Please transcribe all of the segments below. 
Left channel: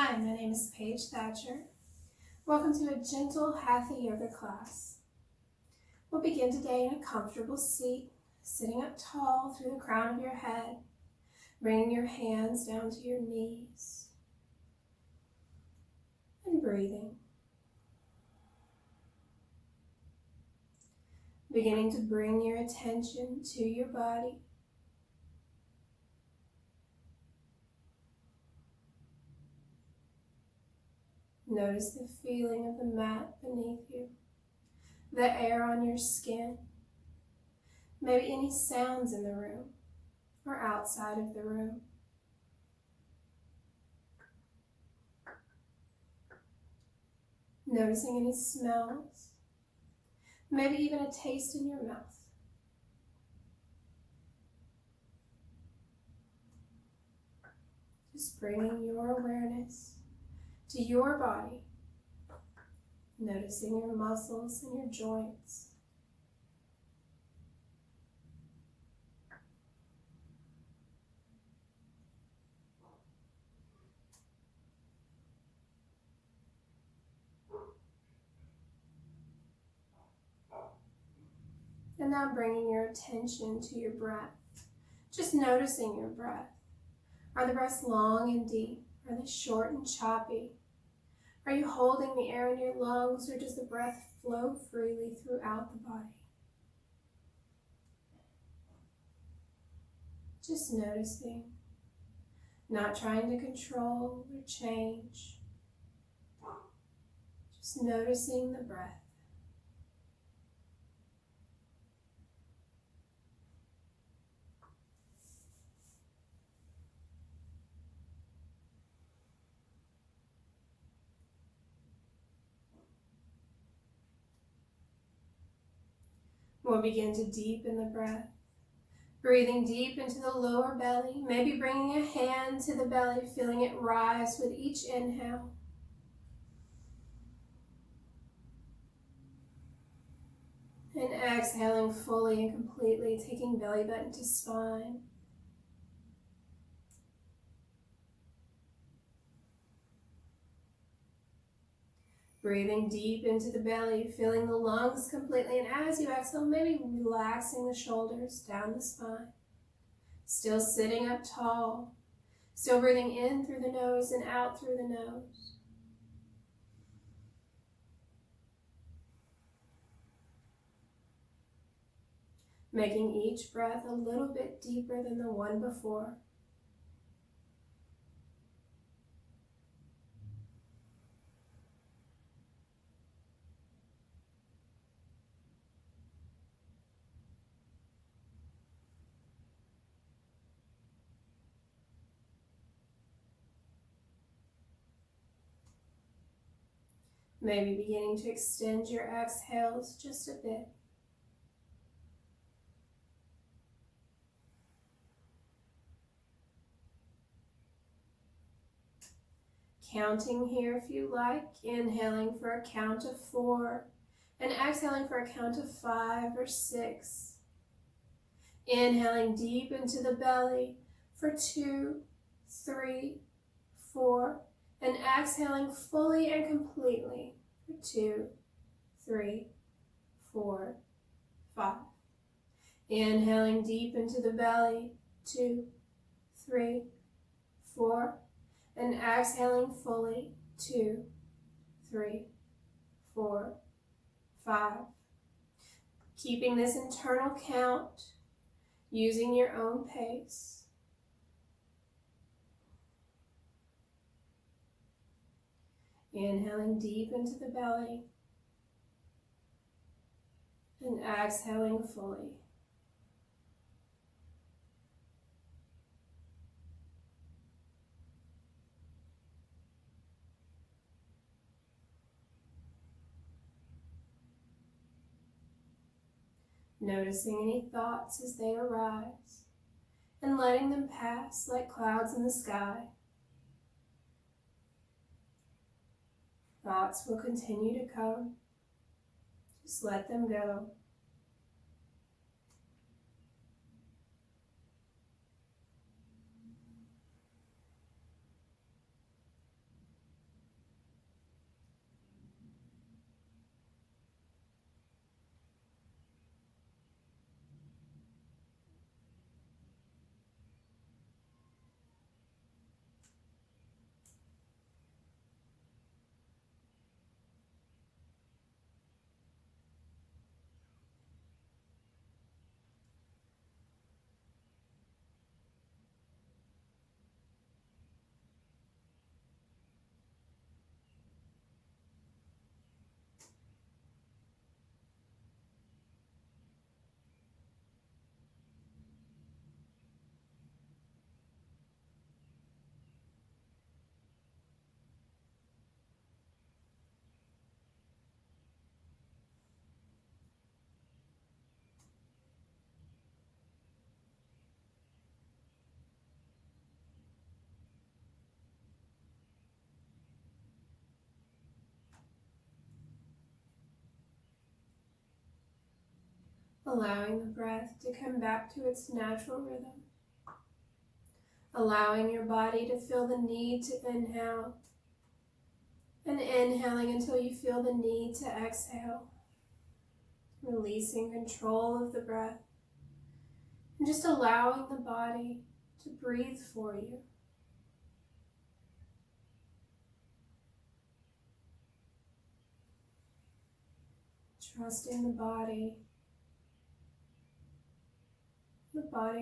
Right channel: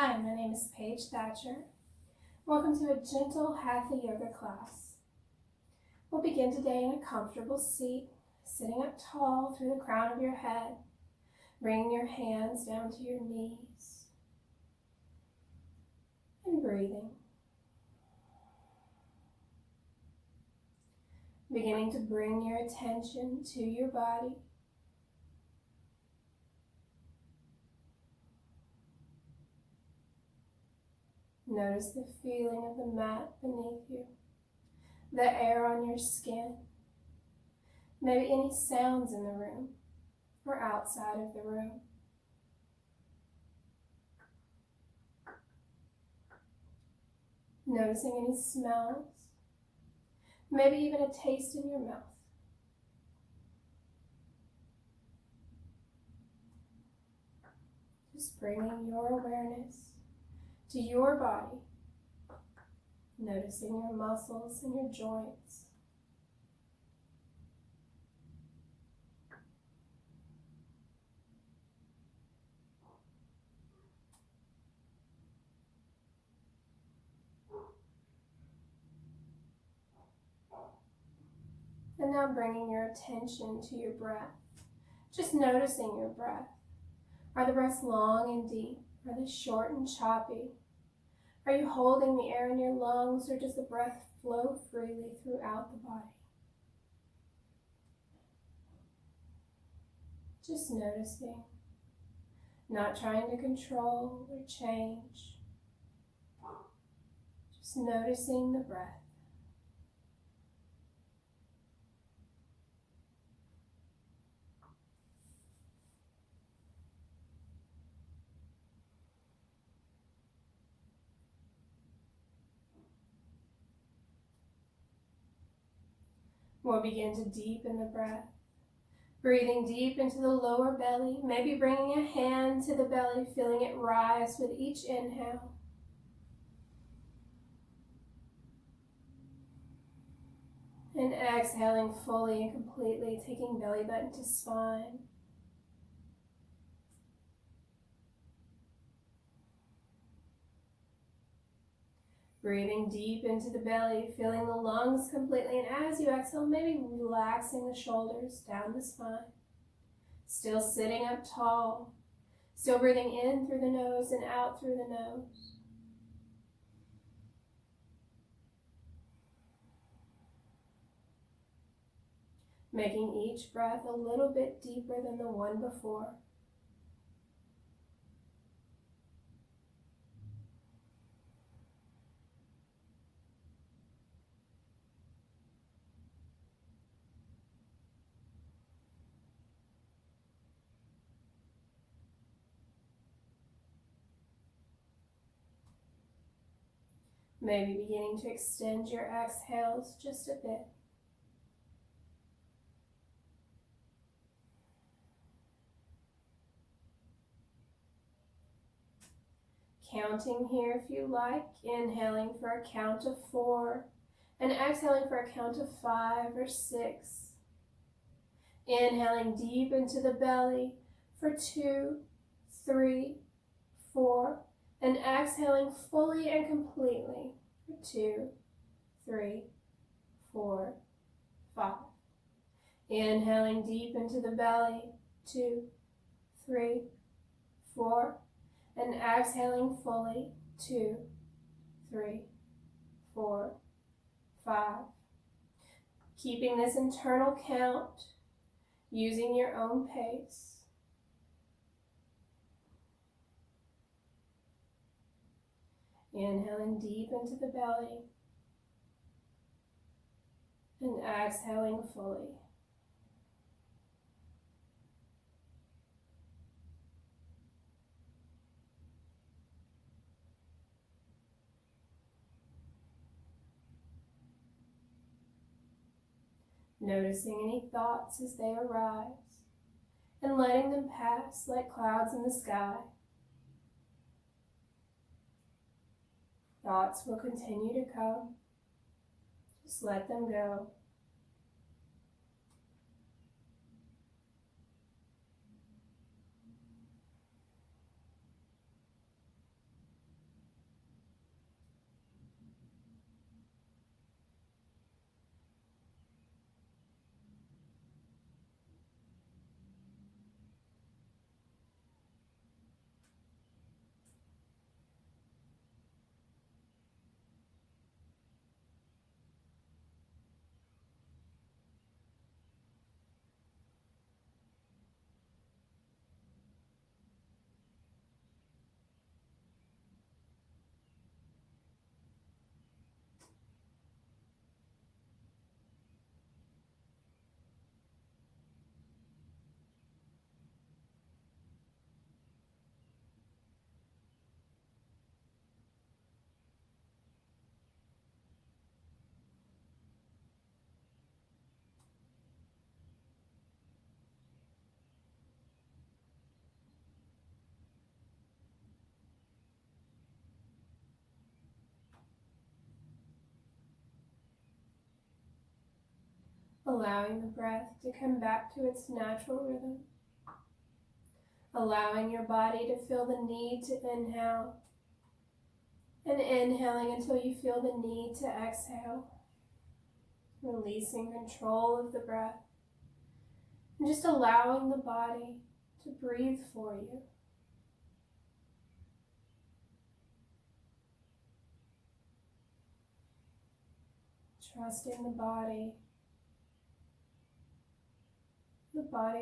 Hi, my name is Paige Thatcher. Welcome to a gentle Hatha Yoga class. We'll begin today in a comfortable seat, sitting up tall through the crown of your head, bringing your hands down to your knees, and breathing. Beginning to bring your attention to your body. Notice the feeling of the mat beneath you, the air on your skin, maybe any sounds in the room or outside of the room. Noticing any smells, maybe even a taste in your mouth. Just bringing your awareness to your body, noticing your muscles and your joints. And now bringing your attention to your breath, just noticing your breath. Are the breaths long and deep? Are they short and choppy? Are you holding the air in your lungs, or does the breath flow freely throughout the body? Just noticing, not trying to control or change. Just noticing the breath. We'll begin to deepen the breath, breathing deep into the lower belly, maybe bringing a hand to the belly, feeling it rise with each inhale. And exhaling fully and completely, taking belly button to spine. Breathing deep into the belly, filling the lungs completely, and as you exhale, maybe relaxing the shoulders down the spine. Still sitting up tall, still breathing in through the nose and out through the nose. Making each breath a little bit deeper than the one before. Maybe beginning to extend your exhales just a bit. Counting here if you like, inhaling for a count of 4 and exhaling for a count of 5 or 6. Inhaling deep into the belly for 2, 3, 4, and exhaling fully and completely for 2, 3, 4, 5. Inhaling deep into the belly, 2, 3, 4, and exhaling fully, 2, 3, 4, 5. Keeping this internal count, using your own pace. Inhaling deep into the belly and exhaling fully. Noticing any thoughts as they arise and letting them pass like clouds in the sky. Thoughts will continue to come. Just let them go. allowing the breath to come back to its natural rhythm, allowing your body to feel the need to inhale, and inhaling until you feel the need to exhale, releasing control of the breath, and just allowing the body to breathe for you. Trusting the body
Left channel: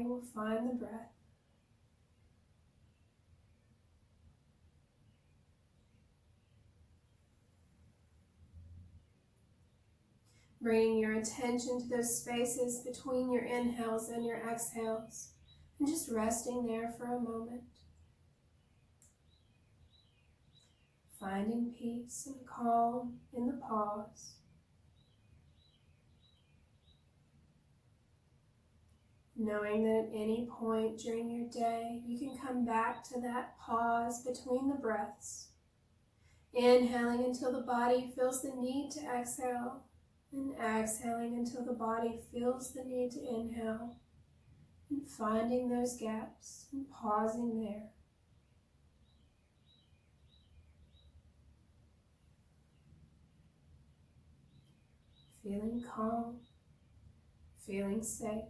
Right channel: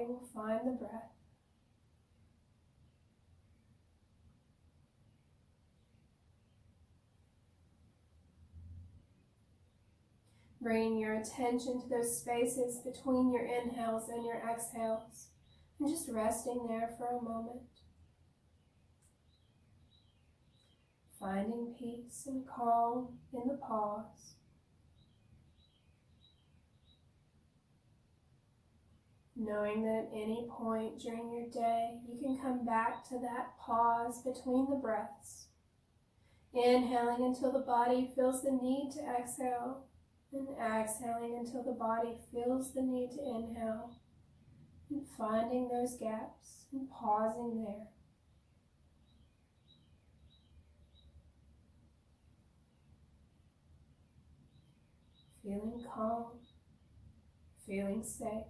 will find the breath. Bringing your attention to those spaces between your inhales and your exhales, and just resting there for a moment. Finding peace and calm in the pause. Knowing that at any point during your day, you can come back to that pause between the breaths. Inhaling until the body feels the need to exhale, and exhaling until the body feels the need to inhale, and finding those gaps and pausing there. Feeling calm, feeling safe.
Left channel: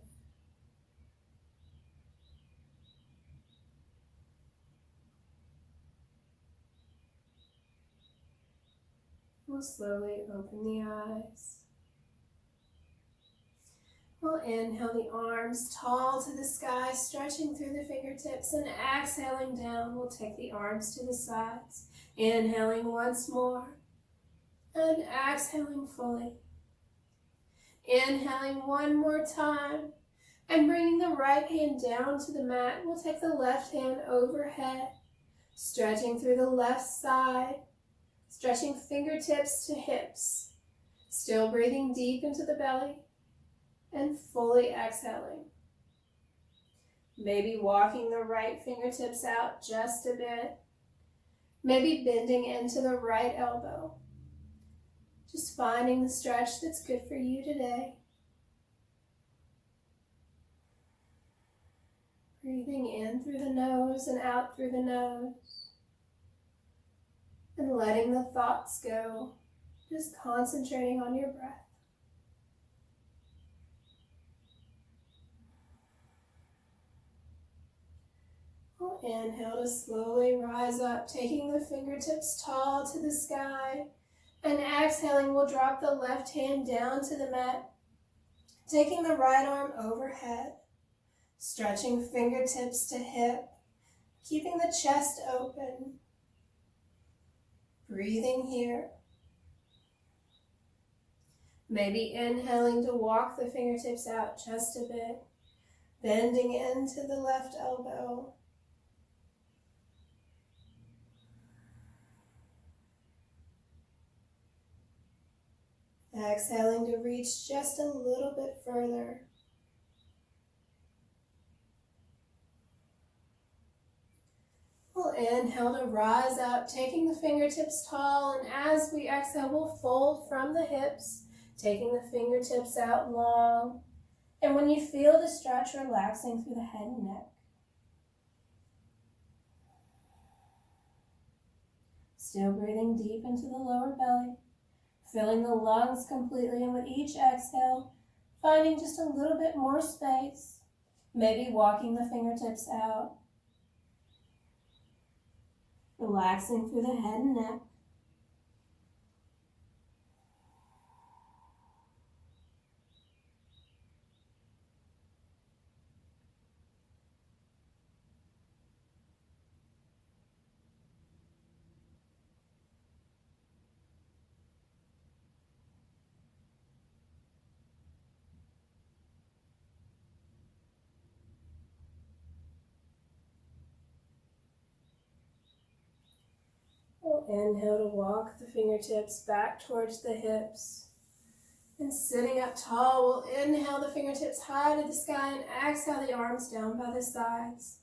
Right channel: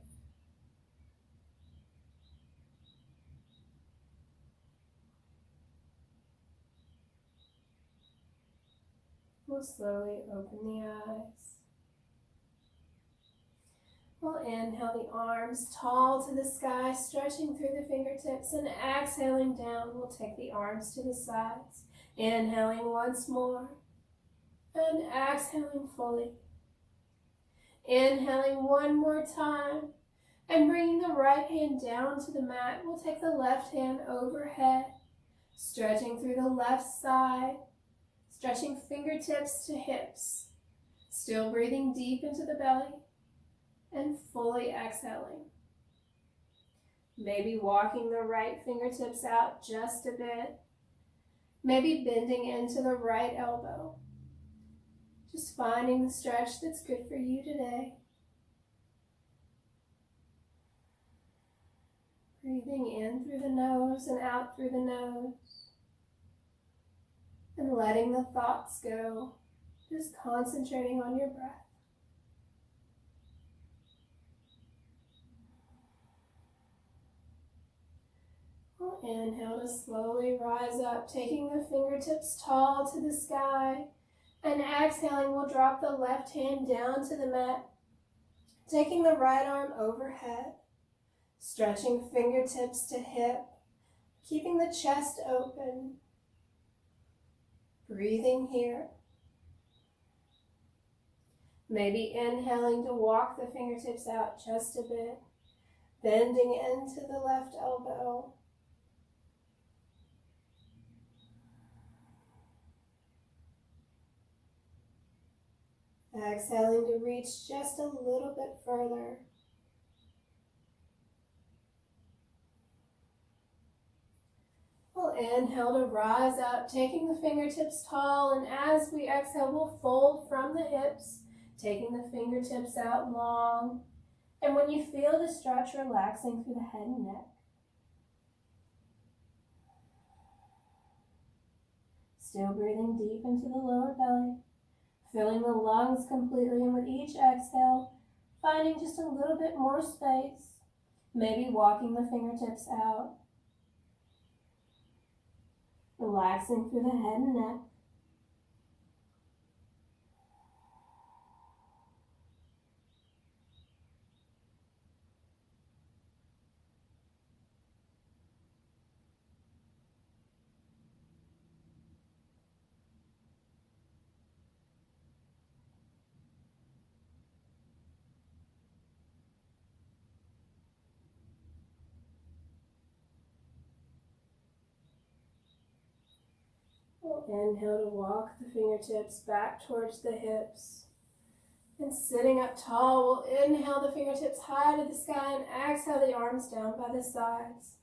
We'll slowly open the eyes. We'll inhale the arms tall to the sky, stretching through the fingertips, and exhaling down, we'll take the arms to the sides. Inhaling once more, and exhaling fully. Inhaling one more time, and bringing the right hand down to the mat, we'll take the left hand overhead, stretching through the left side, stretching fingertips to hips, still breathing deep into the belly, and fully exhaling. Maybe walking the right fingertips out just a bit, maybe bending into the right elbow. Just finding the stretch that's good for you today. Breathing in through the nose and out through the nose. And letting the thoughts go, just concentrating on your breath. We'll inhale to slowly rise up, taking the fingertips tall to the sky. And exhaling, we'll drop the left hand down to the mat, taking the right arm overhead, stretching fingertips to hip, keeping the chest open. Breathing here. Maybe inhaling to walk the fingertips out just a bit, bending into the left elbow. Exhaling to reach just a little bit further. We'll inhale to rise up, taking the fingertips tall, and as we exhale, we'll fold from the hips, taking the fingertips out long. And when you feel the stretch, relaxing through the head and neck. Still breathing deep into the lower belly, filling the lungs completely, and with each exhale, finding just a little bit more space, maybe walking the fingertips out. Relaxing through the head and neck. Inhale to walk the fingertips back towards the hips. And sitting up tall, we'll inhale the fingertips high to the sky and exhale the arms down by the sides.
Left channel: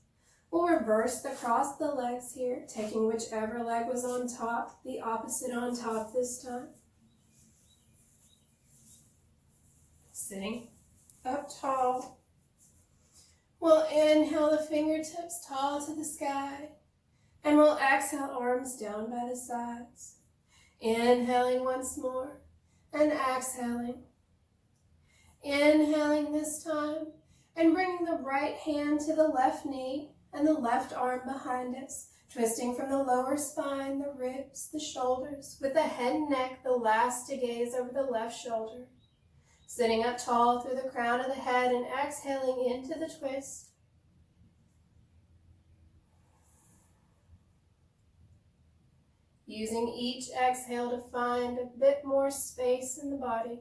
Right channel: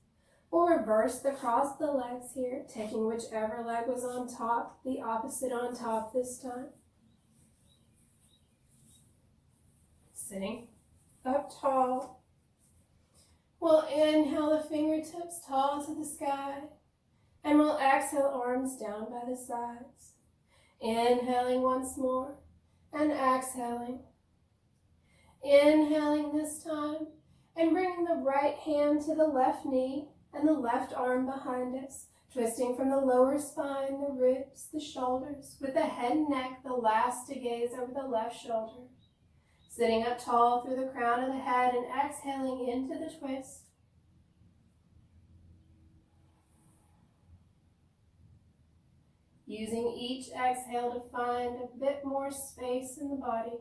We'll reverse the cross of the legs here, taking whichever leg was on top, the opposite on top this time. Sitting up tall. We'll inhale the fingertips tall to the sky, and we'll exhale arms down by the sides. Inhaling once more, and exhaling. Inhaling this time, and bringing the right hand to the left knee and the left arm behind us, twisting from the lower spine, the ribs, the shoulders, with the head and neck the last to gaze over the left shoulder. Sitting up tall through the crown of the head and exhaling into the twist. Using each exhale to find a bit more space in the body.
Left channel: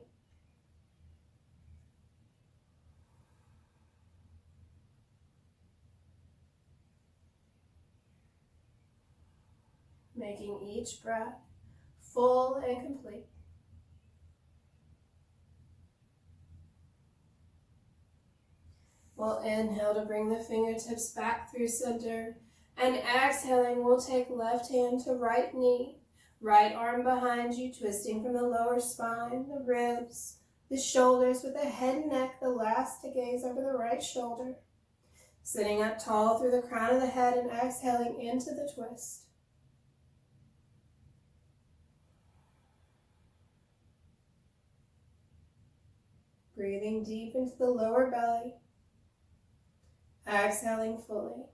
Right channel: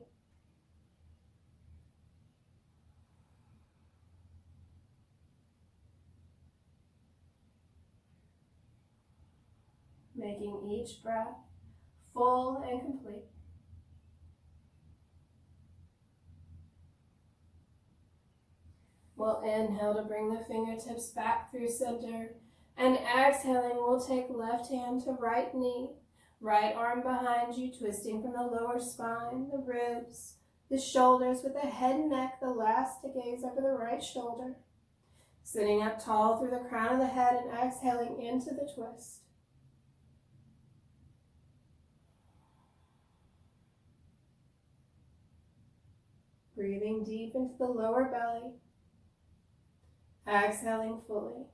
Making each breath full and complete. We'll inhale to bring the fingertips back through center, and exhaling, we'll take left hand to right knee, right arm behind you, twisting from the lower spine, the ribs, the shoulders, with the head and neck the last to gaze over the right shoulder. Sitting up tall through the crown of the head and exhaling into the twist. Breathing deep into the lower belly. Exhaling fully.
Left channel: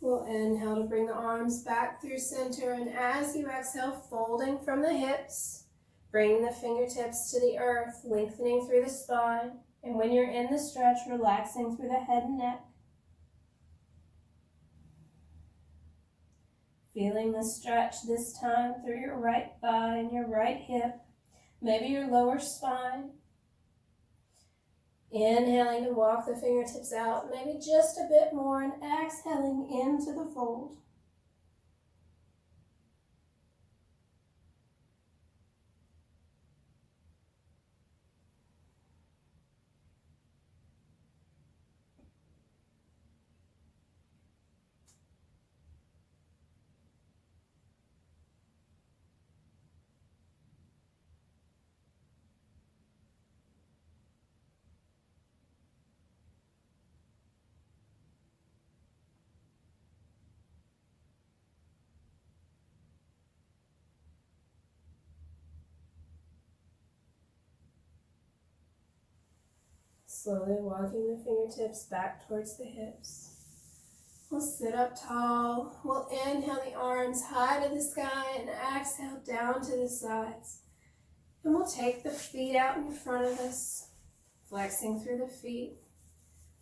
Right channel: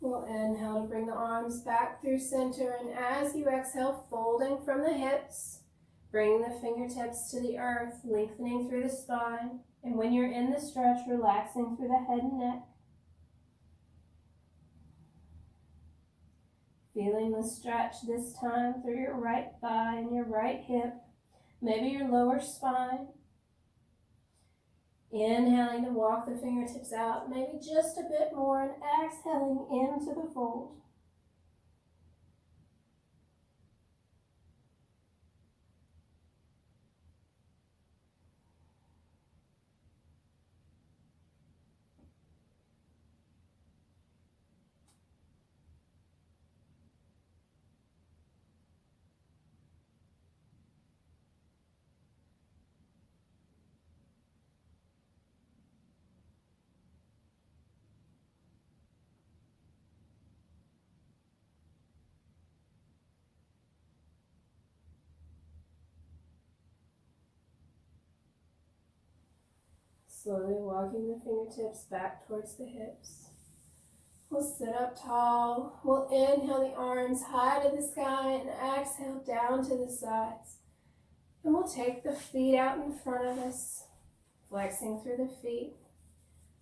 We'll inhale to bring the arms back through center, and as you exhale, folding from the hips, bring the fingertips to the earth, lengthening through the spine, and when you're in the stretch, relaxing through the head and neck. Feeling the stretch this time through your right thigh and your right hip, maybe your lower spine. Inhaling to walk the fingertips out, maybe just a bit more, and exhaling into the fold. Slowly walking the fingertips back towards the hips. We'll sit up tall. We'll inhale the arms high to the sky and exhale down to the sides. And we'll take the feet out in front of us, flexing through the feet.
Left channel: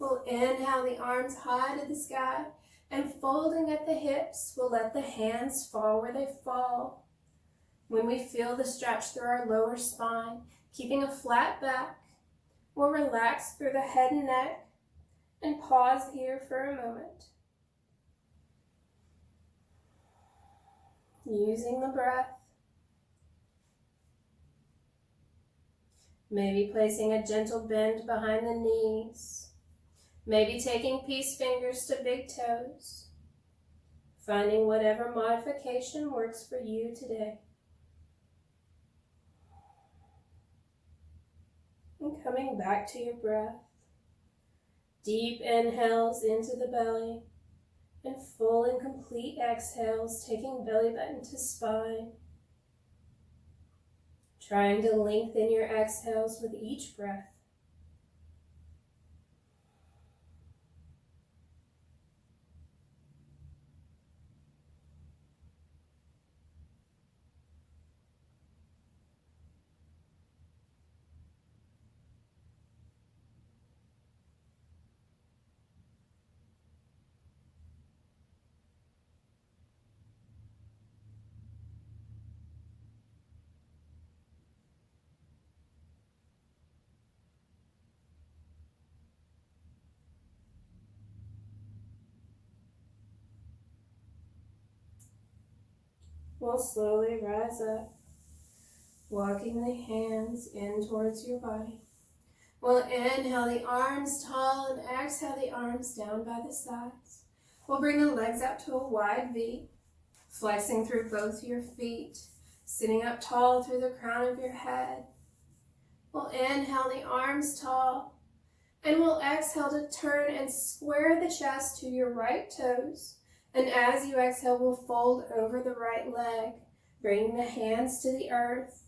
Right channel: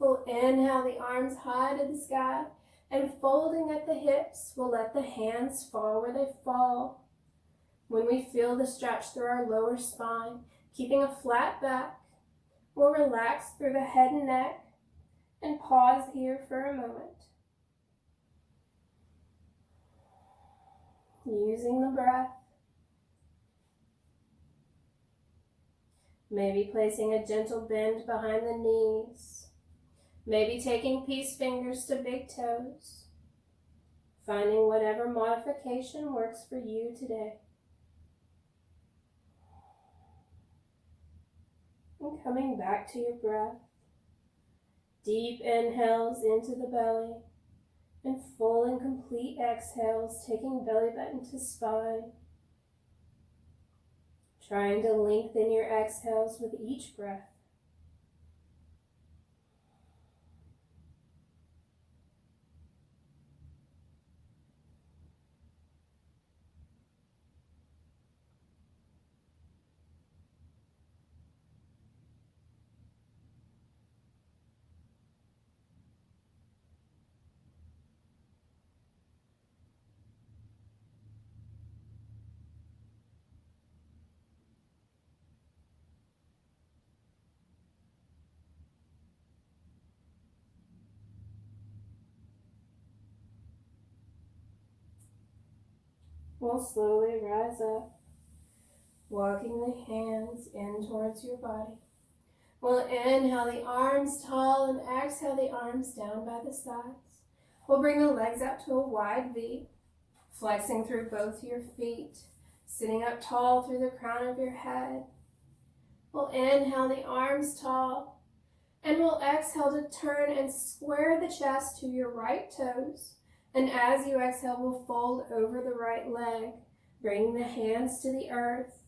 We'll inhale the arms high to the sky, and folding at the hips, we'll let the hands fall where they fall. When we feel the stretch through our lower spine, keeping a flat back, we'll relax through the head and neck and pause here for a moment. Using the breath. Maybe placing a gentle bend behind the knees. Maybe taking peace fingers to big toes. Finding whatever modification works for you today. And coming back to your breath. Deep inhales into the belly, and full and complete exhales, taking belly button to spine. Trying to lengthen your exhales with each breath. We'll slowly rise up, walking the hands in towards your body. We'll inhale the arms tall and exhale the arms down by the sides. We'll bring the legs up to a wide V, flexing through both your feet, sitting up tall through the crown of your head. We'll inhale the arms tall, and we'll exhale to turn and square the chest to your right toes. And as you exhale, we'll fold over the right leg, bringing the hands to the earth.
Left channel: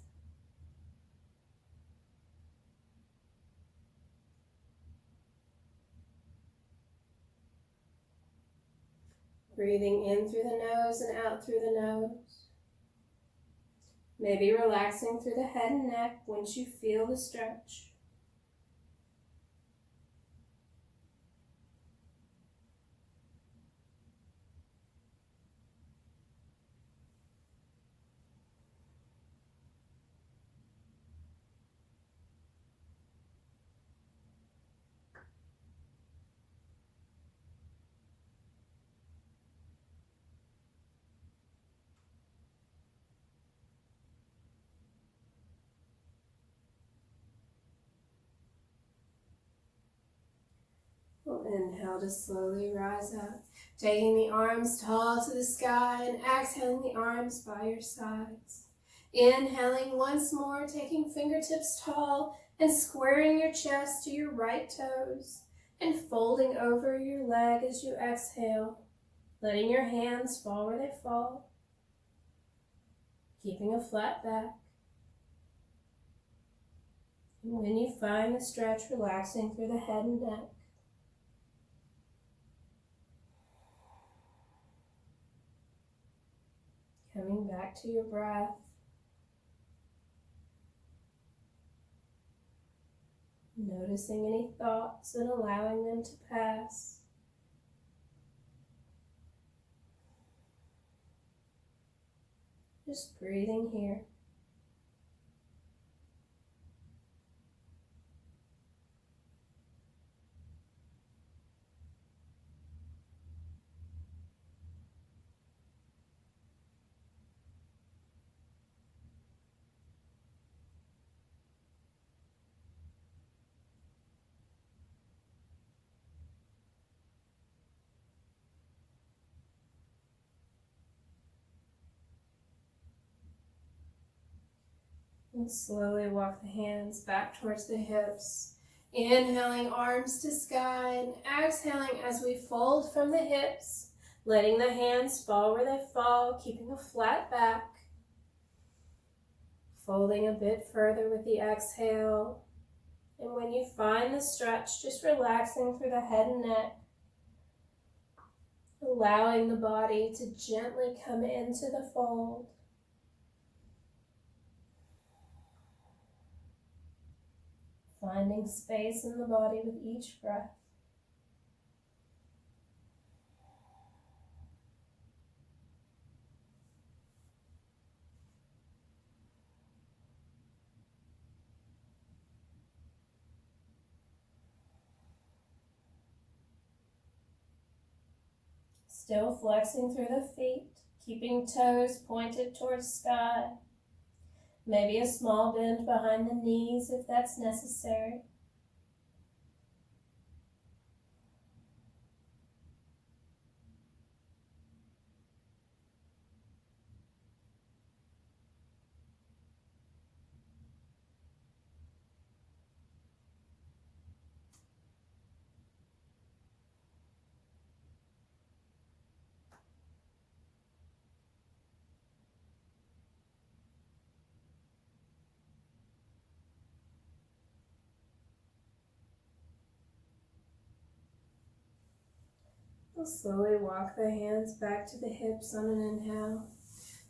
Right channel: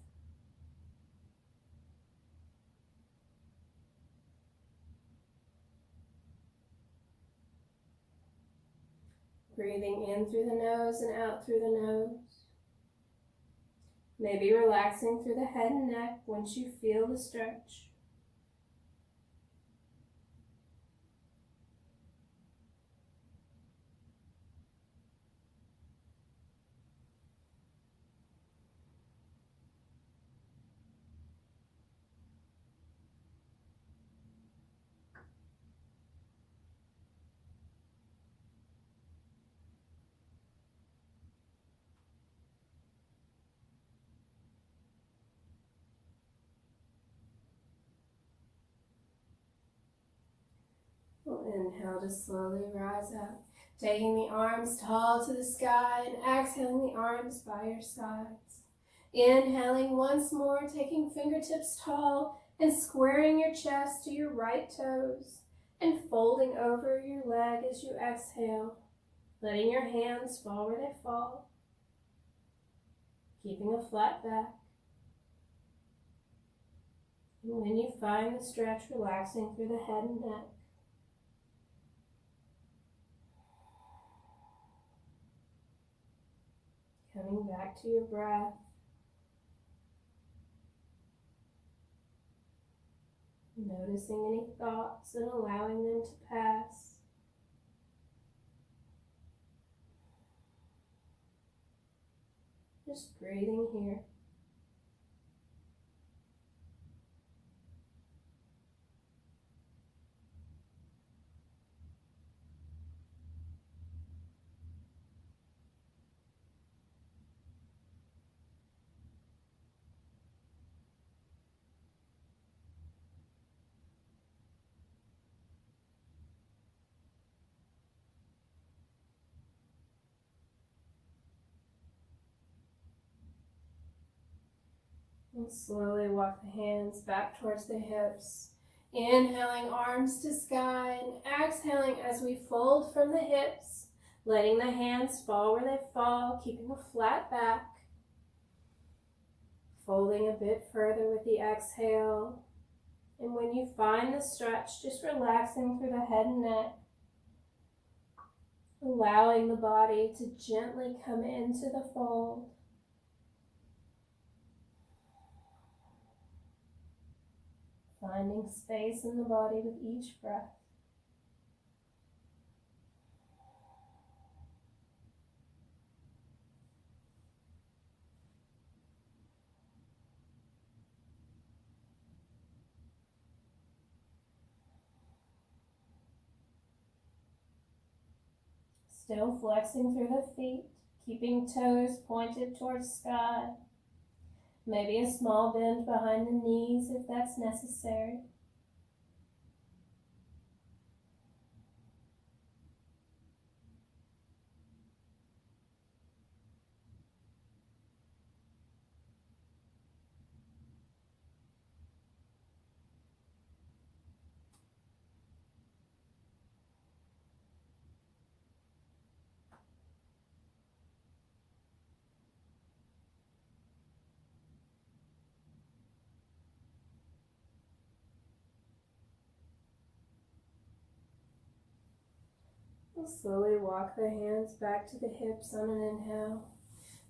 Breathing in through the nose and out through the nose. Maybe relaxing through the head and neck once you feel the stretch. We'll inhale to slowly rise up, taking the arms tall to the sky and exhaling the arms by your sides. Inhaling once more, taking fingertips tall and squaring your chest to your right toes and folding over your leg as you exhale, letting your hands fall where they fall, keeping a flat back. And when you find the stretch, relaxing through the head and neck. Coming back to your breath. Noticing any thoughts and allowing them to pass. Just breathing here. And slowly walk the hands back towards the hips. Inhaling arms to sky and exhaling as we fold from the hips, letting the hands fall where they fall, keeping a flat back. Folding a bit further with the exhale. And when you find the stretch, just relaxing through the head and neck, allowing the body to gently come into the fold. Finding space in the body with each breath. Still flexing through the feet, keeping toes pointed towards sky. Maybe a small bend behind the knees if that's necessary. We'll slowly walk the hands back to the hips on an inhale.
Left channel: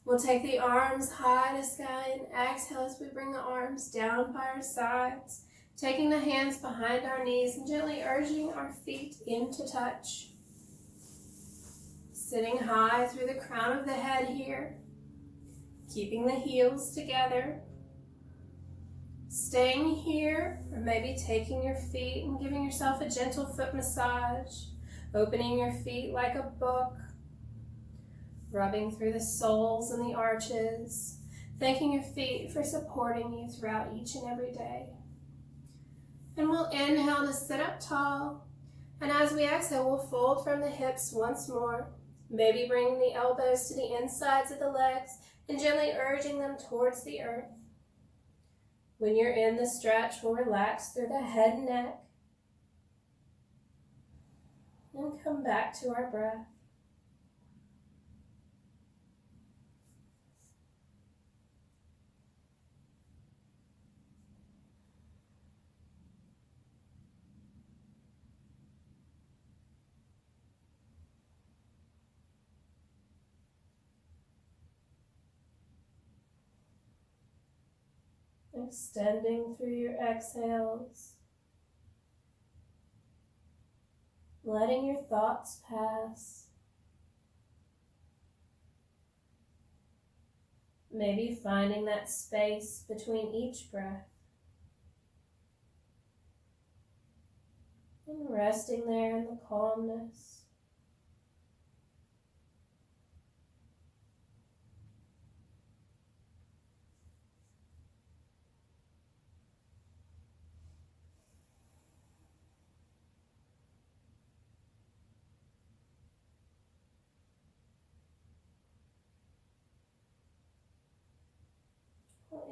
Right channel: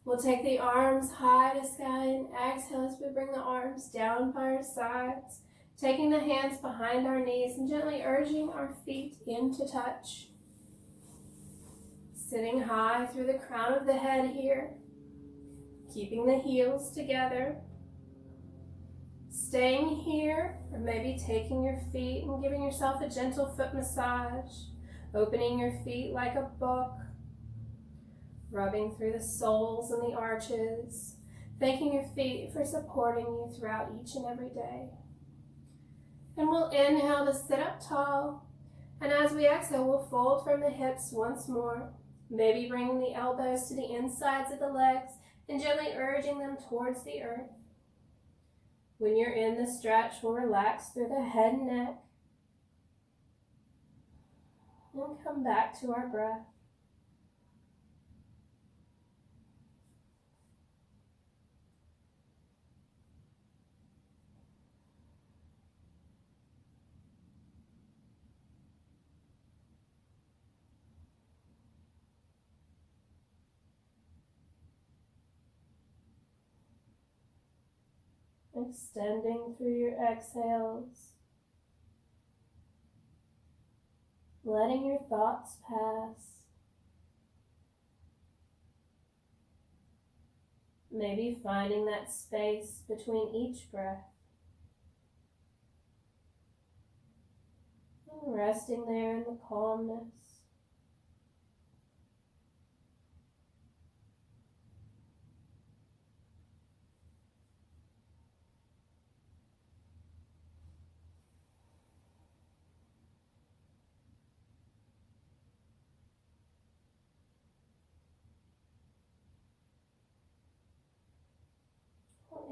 We'll take the arms high to sky and exhale as we bring the arms down by our sides, taking the hands behind our knees and gently urging our feet into touch. Sitting high through the crown of the head here, keeping the heels together. Staying here, or maybe taking your feet and giving yourself a gentle foot massage. Opening your feet like a book, rubbing through the soles and the arches, thanking your feet for supporting you throughout each and every day. And we'll inhale to sit up tall, and as we exhale, we'll fold from the hips once more, maybe bringing the elbows to the insides of the legs and gently urging them towards the earth. When you're in the stretch, we'll relax through the head and neck and come back to our breath. Extending through your exhales, letting your thoughts pass, maybe finding that space between each breath, and resting there in the calmness.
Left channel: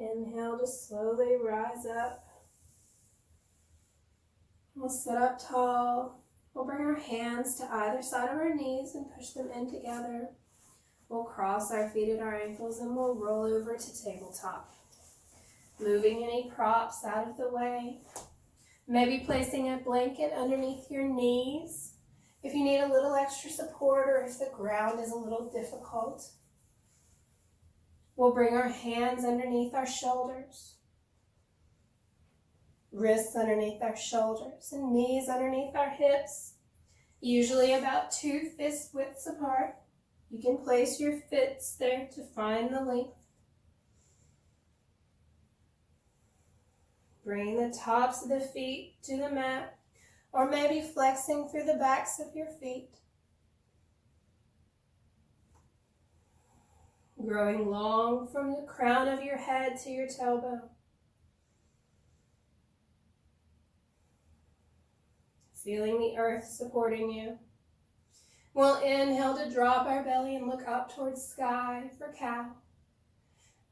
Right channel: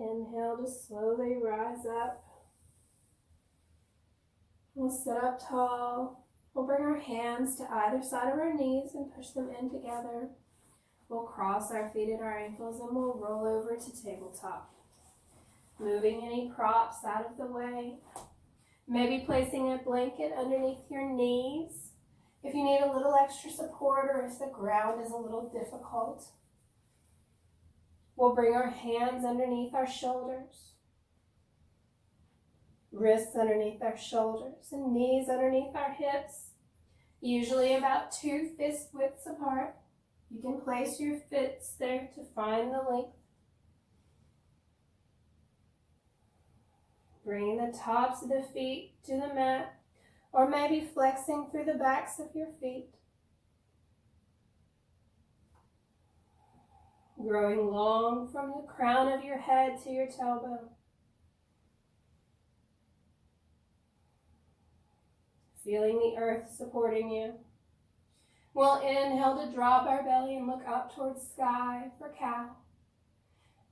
Inhale to slowly rise up. We'll sit up tall. We'll bring our hands to either side of our knees and push them in together. We'll cross our feet at our ankles and we'll roll over to tabletop. Moving any props out of the way. Maybe placing a blanket underneath your knees if you need a little extra support or if the ground is a little difficult. We'll bring our hands underneath our shoulders, wrists underneath our shoulders, and knees underneath our hips, usually about 2 fist widths apart. You can place your fists there to find the length. Bring the tops of the feet to the mat, or maybe flexing through the backs of your feet. Growing long from the crown of your head to your tailbone. Feeling the earth supporting you. We'll inhale to drop our belly and look up towards sky for cow.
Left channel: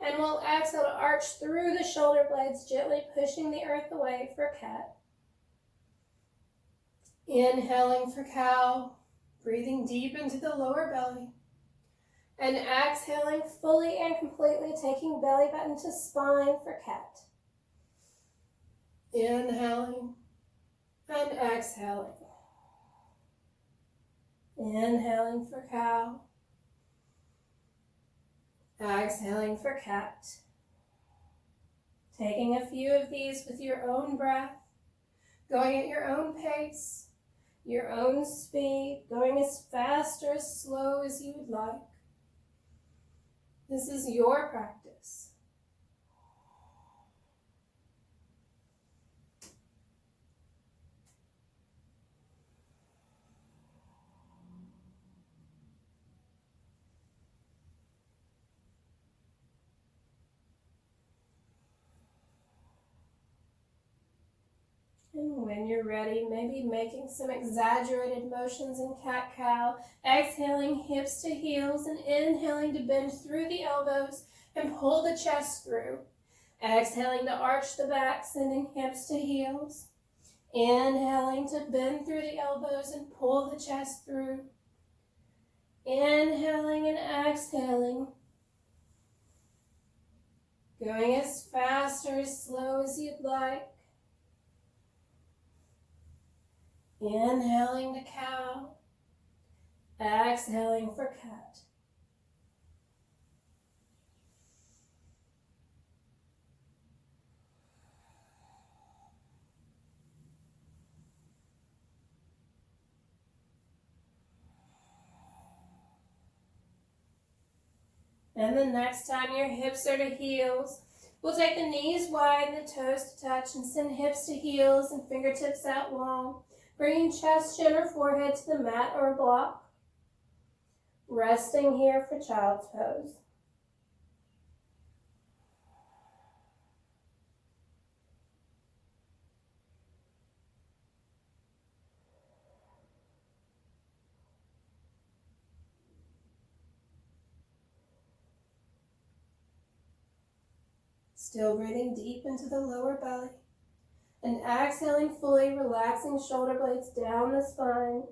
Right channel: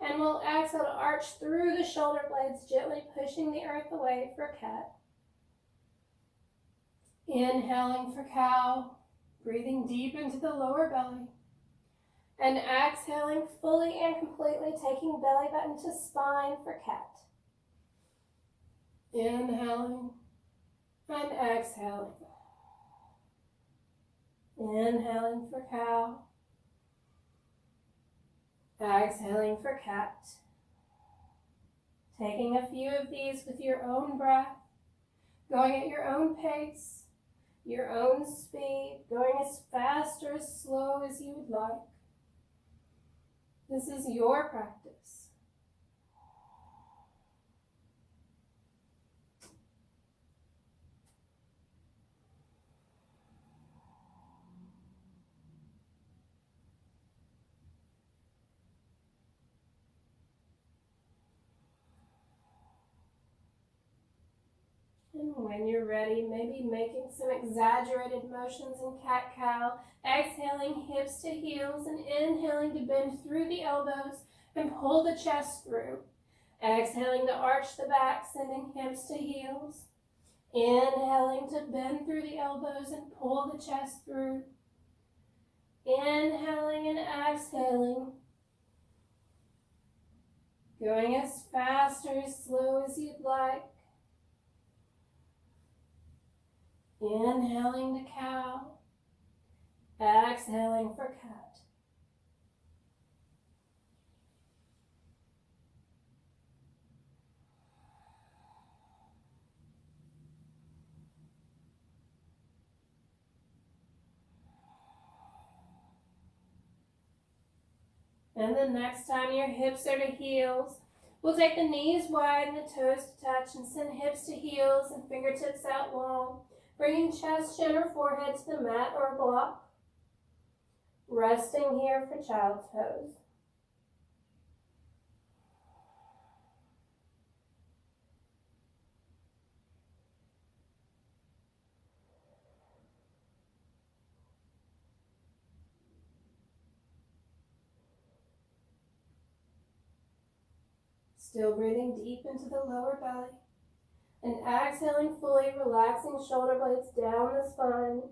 And we'll exhale to arch through the shoulder blades, gently pushing the earth away for cat. Inhaling for cow, breathing deep into the lower belly. And exhaling fully and completely, taking belly button to spine for cat. Inhaling and exhaling. Inhaling for cow. Exhaling for cat. Taking a few of these with your own breath, going at your own pace, your own speed, going as fast or as slow as you would like. This is your practice. And when you're ready, maybe making some exaggerated motions in cat-cow, exhaling hips to heels and inhaling to bend through the elbows and pull the chest through. Exhaling to arch the back, sending hips to heels. Inhaling to bend through the elbows and pull the chest through. Inhaling and exhaling. Going as fast or as slow as you'd like. Inhaling to cow, exhaling for cat. And the next time your hips are to heels, we'll take the knees wide and the toes to touch and send hips to heels and fingertips out long. Bringing chest, chin, or forehead to the mat or a block. Resting here for child's pose. Still breathing deep into the lower belly and exhaling fully, relaxing shoulder blades down the spine.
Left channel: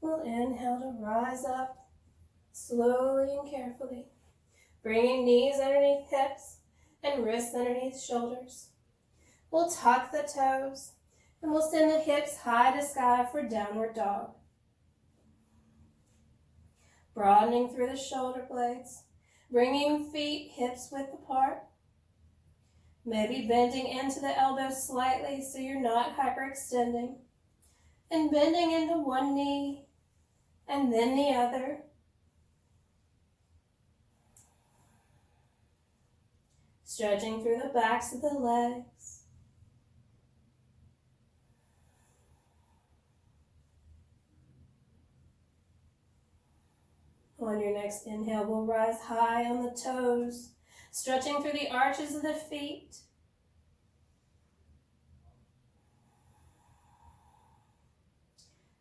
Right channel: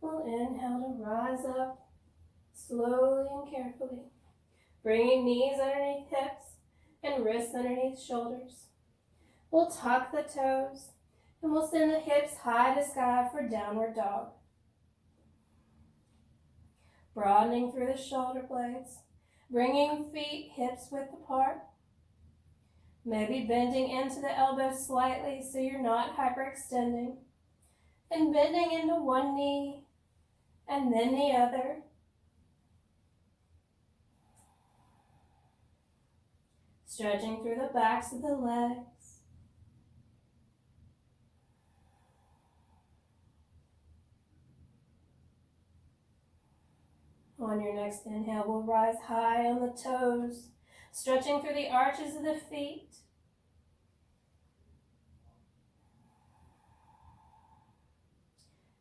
We'll inhale to rise up slowly and carefully, bringing knees underneath hips and wrists underneath shoulders. We'll tuck the toes and we'll send the hips high to sky for downward dog. Broadening through the shoulder blades, bringing feet hips width apart. Maybe bending into the elbows slightly so you're not hyperextending. And bending into one knee and then the other. Stretching through the backs of the legs. On your next inhale, we'll rise high on the toes, stretching through the arches of the feet.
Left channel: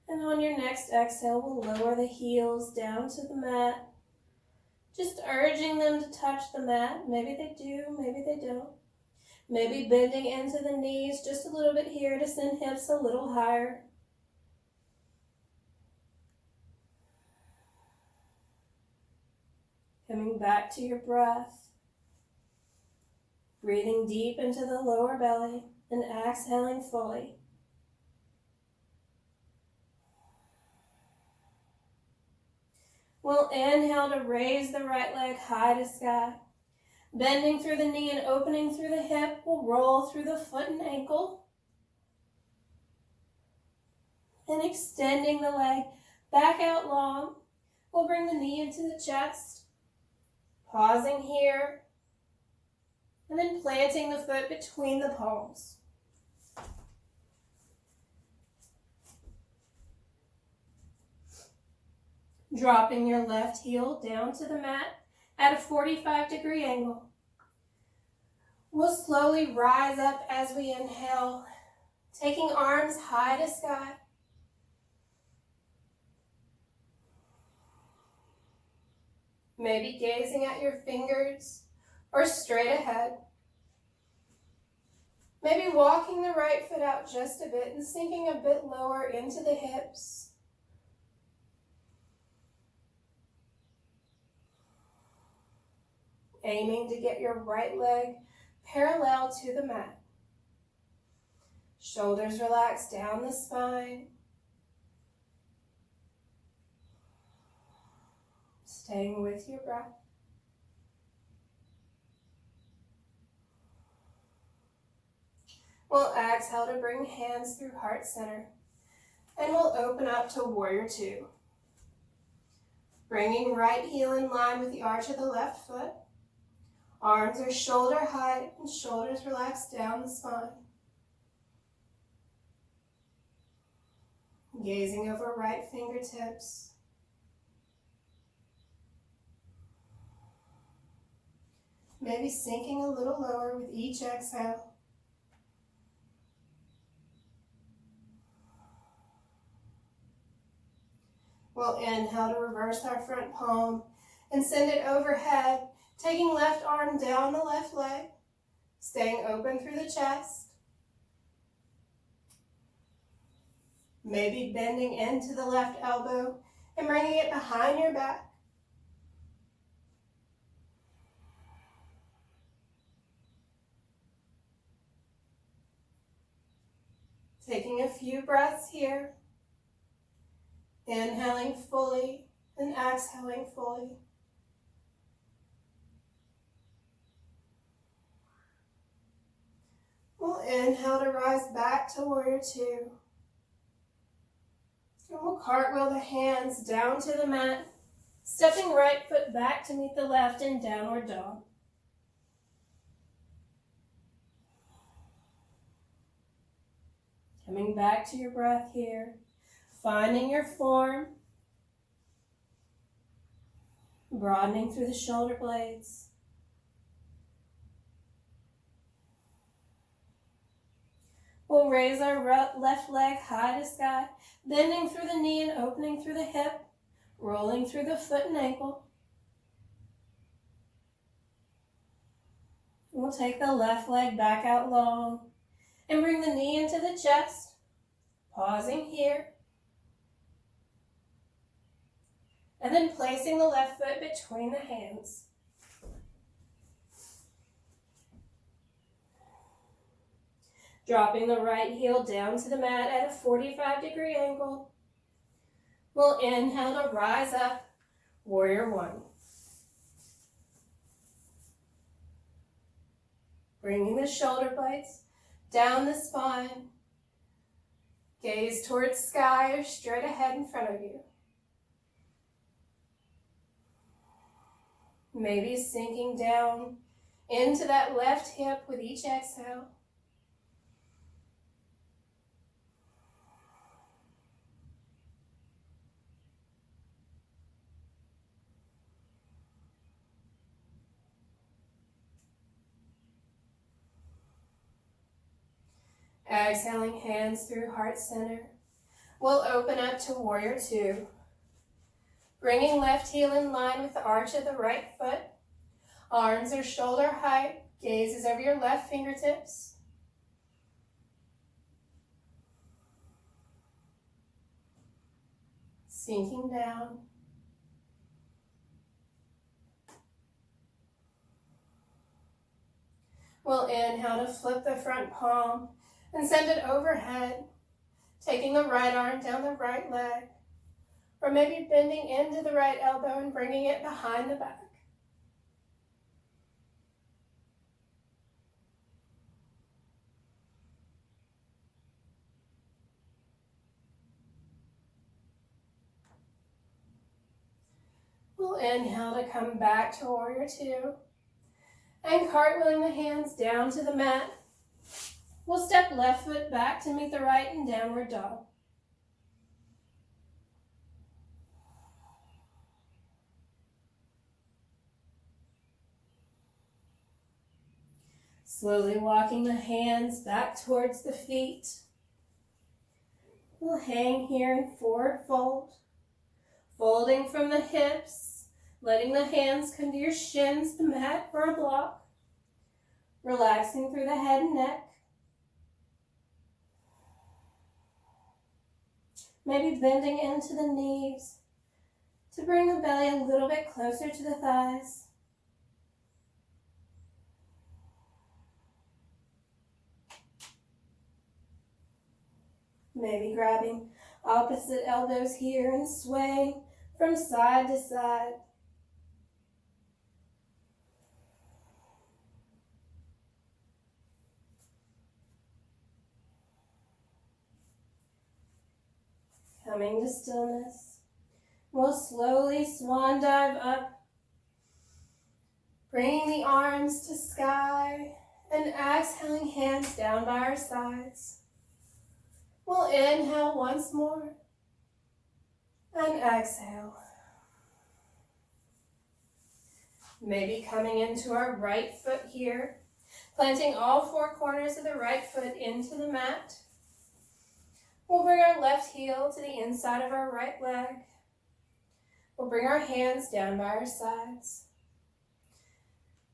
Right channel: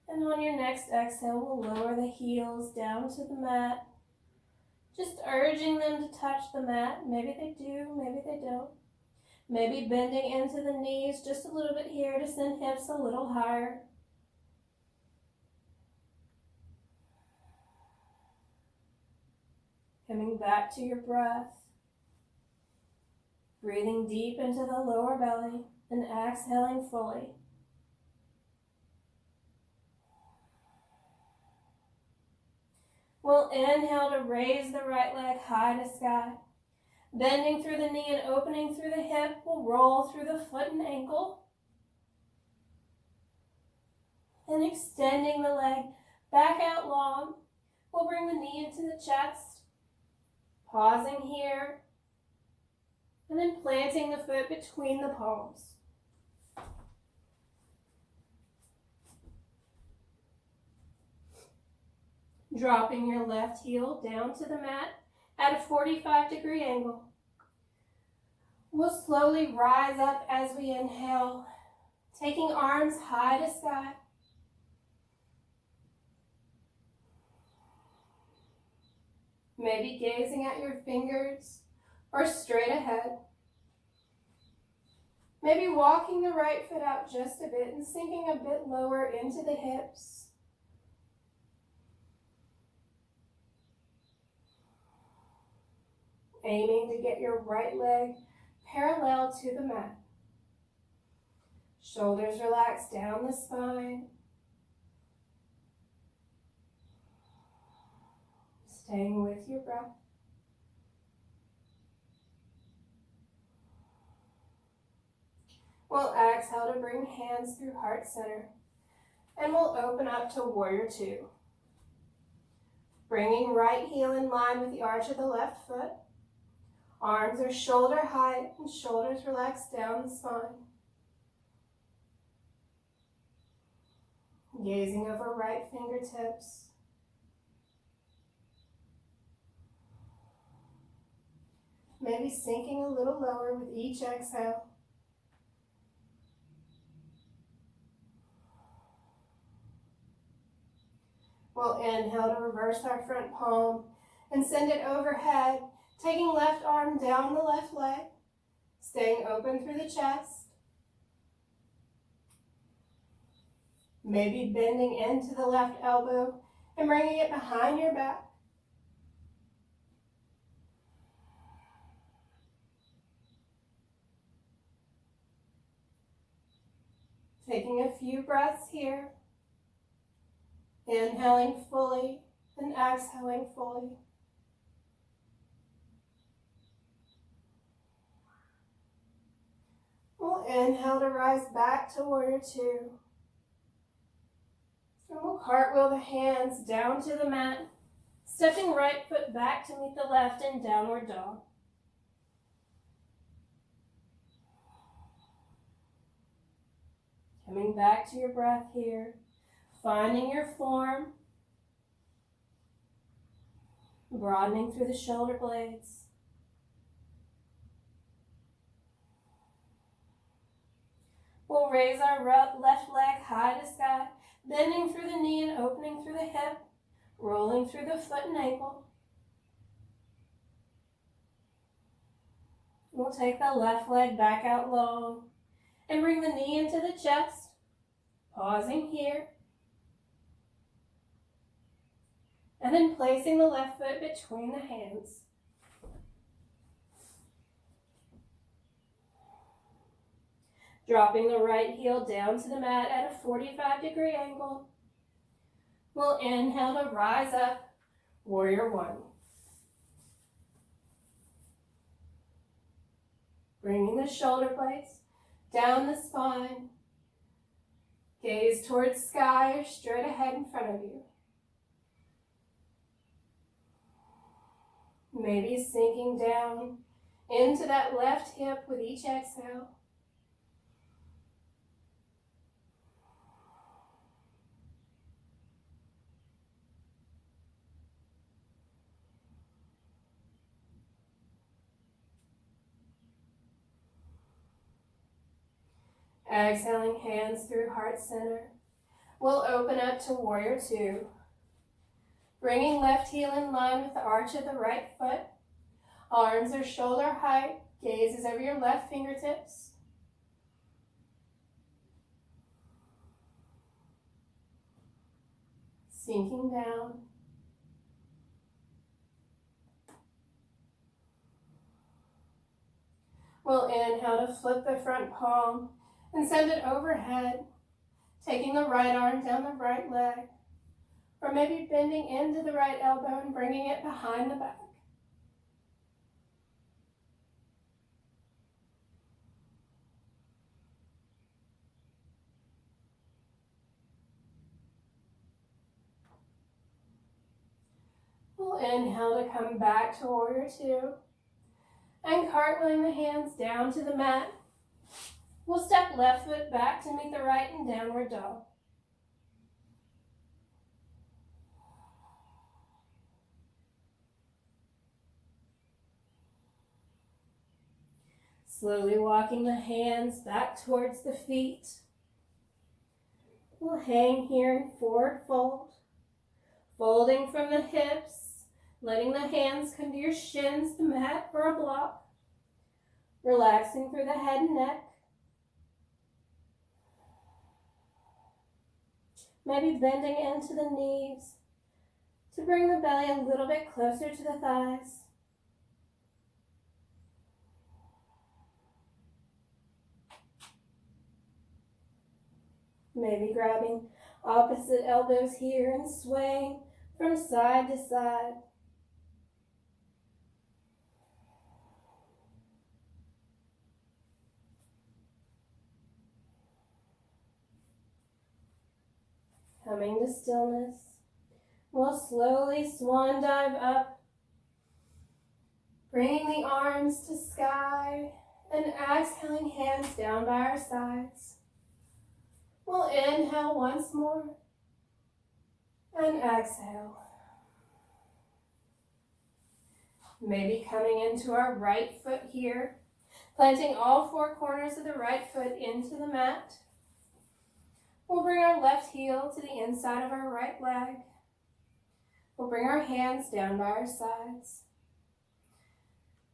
And on your next exhale, we'll lower the heels down to the mat, just urging them to touch the mat. Maybe they do, maybe they don't. Maybe bending into the knees just a little bit here to send hips a little higher. Coming back to your breath. Breathing deep into the lower belly and exhaling fully. We'll inhale to raise the right leg high to sky. Bending through the knee and opening through the hip, we'll roll through the foot and ankle. And extending the leg back out long, we'll bring the knee into the chest. Pausing here, and then planting the foot between the palms. Dropping your left heel down to the mat at a 45-degree angle. We'll slowly rise up as we inhale, taking arms high to sky. Maybe gazing at your fingers or straight ahead. Maybe walking the right foot out just a bit and sinking a bit lower into the hips. Aiming to get your right leg parallel to the mat. Shoulders relaxed down the spine. Staying with your breath. We'll exhale to bring hands through heart center. And we'll open up to warrior two. Bringing right heel in line with the arch of the left foot. Arms are shoulder height and shoulders relaxed down the spine. Gazing over right fingertips. Maybe sinking a little lower with each exhale. We'll inhale to reverse our front palm and send it overhead, taking left arm down the left leg, staying open through the chest. Maybe bending into the left elbow and bringing it behind your back. Taking a few breaths here, inhaling fully and exhaling fully. We'll inhale to rise back to warrior two. And we'll cartwheel the hands down to the mat, stepping right foot back to meet the left in downward dog. Coming back to your breath here, finding your form, broadening through the shoulder blades. We'll raise our left leg high to sky, bending through the knee and opening through the hip, rolling through the foot and ankle. We'll take the left leg back out long and bring the knee into the chest, pausing here. And then placing the left foot between the hands. Dropping the right heel down to the mat at a 45-degree angle. We'll inhale to rise up, warrior one. Bringing the shoulder blades down the spine. Gaze towards sky or straight ahead in front of you. Maybe sinking down into that left hip with each exhale. Exhaling hands through heart center. We'll open up to warrior two. Bringing left heel in line with the arch of the right foot. Arms are shoulder height. Gaze is over your left fingertips. Sinking down. We'll inhale to flip the front palm and send it overhead, taking the right arm down the right leg, or maybe bending into the right elbow and bringing it behind the back. We'll inhale to come back to warrior two, and cartwheeling the hands down to the mat. We'll step left foot back to meet the right in downward dog. Slowly walking the hands back towards the feet. We'll hang here in forward fold, folding from the hips, letting the hands come to your shins, the mat or a block, relaxing through the head and neck. Maybe bending into the knees to bring the belly a little bit closer to the thighs. Maybe grabbing opposite elbows here and swaying from side to side. Coming to stillness, we'll slowly swan dive up, bringing the arms to sky and exhaling hands down by our sides. We'll inhale once more and exhale. Maybe coming into our right foot here, planting all four corners of the right foot into the mat. We'll bring our left heel to the inside of our right leg. We'll bring our hands down by our sides.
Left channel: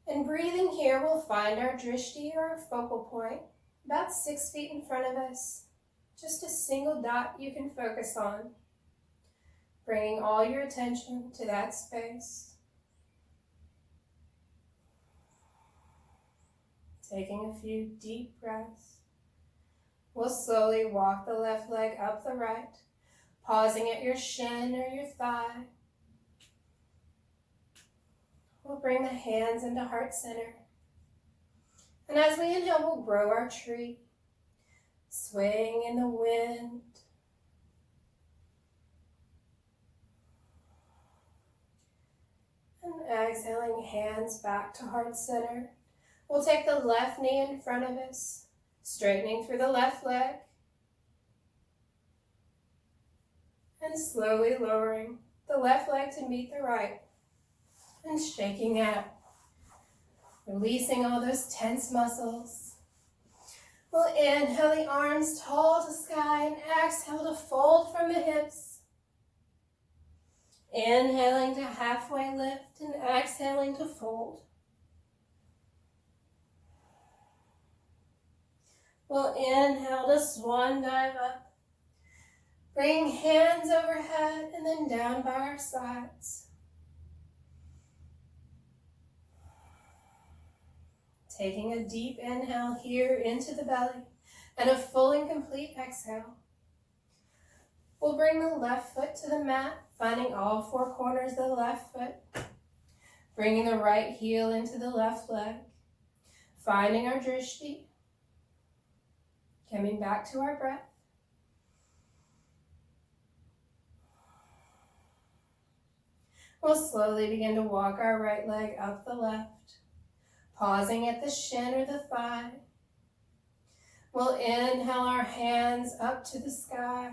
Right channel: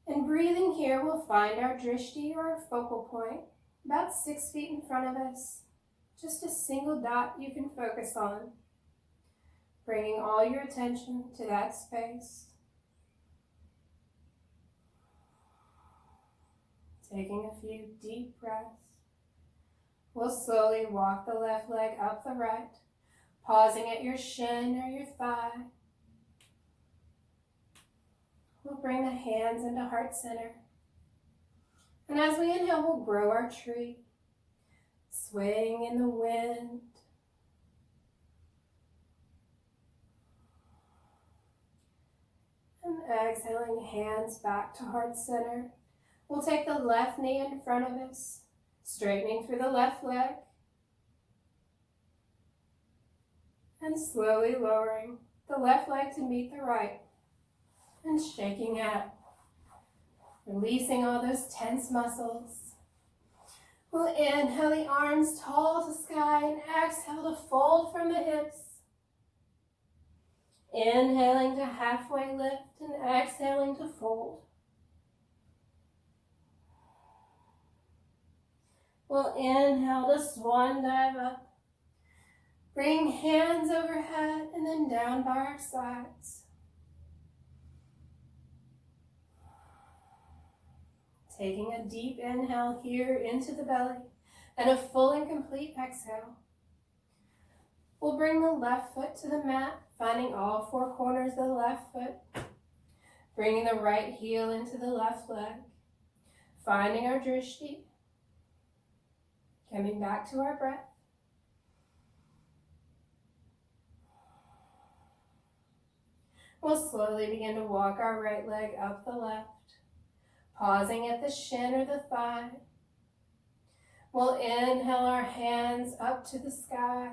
And breathing here, we'll find our drishti, or our focal point, about 6 feet in front of us. Just a single dot you can focus on. Bringing all your attention to that space. Taking a few deep breaths. We'll slowly walk the left leg up the right, pausing at your shin or your thigh. We'll bring the hands into heart center. And as we inhale, we'll grow our tree, swaying in the wind. And exhaling, hands back to heart center. We'll take the left knee in front of us, straightening through the left leg. And slowly lowering the left leg to meet the right. And shaking out. Releasing all those tense muscles. We'll inhale the arms tall to sky and exhale to fold from the hips. Inhaling to halfway lift and exhaling to fold. We'll inhale to swan dive up. Bring hands overhead and then down by our sides. Taking a deep inhale here into the belly and a full and complete exhale. We'll bring the left foot to the mat, finding all four corners of the left foot. Bringing the right heel into the left leg. Finding our drishti. Coming back to our breath. We'll slowly begin to walk our right leg up the left. Pausing at the shin or the thigh. We'll inhale our hands up to the sky,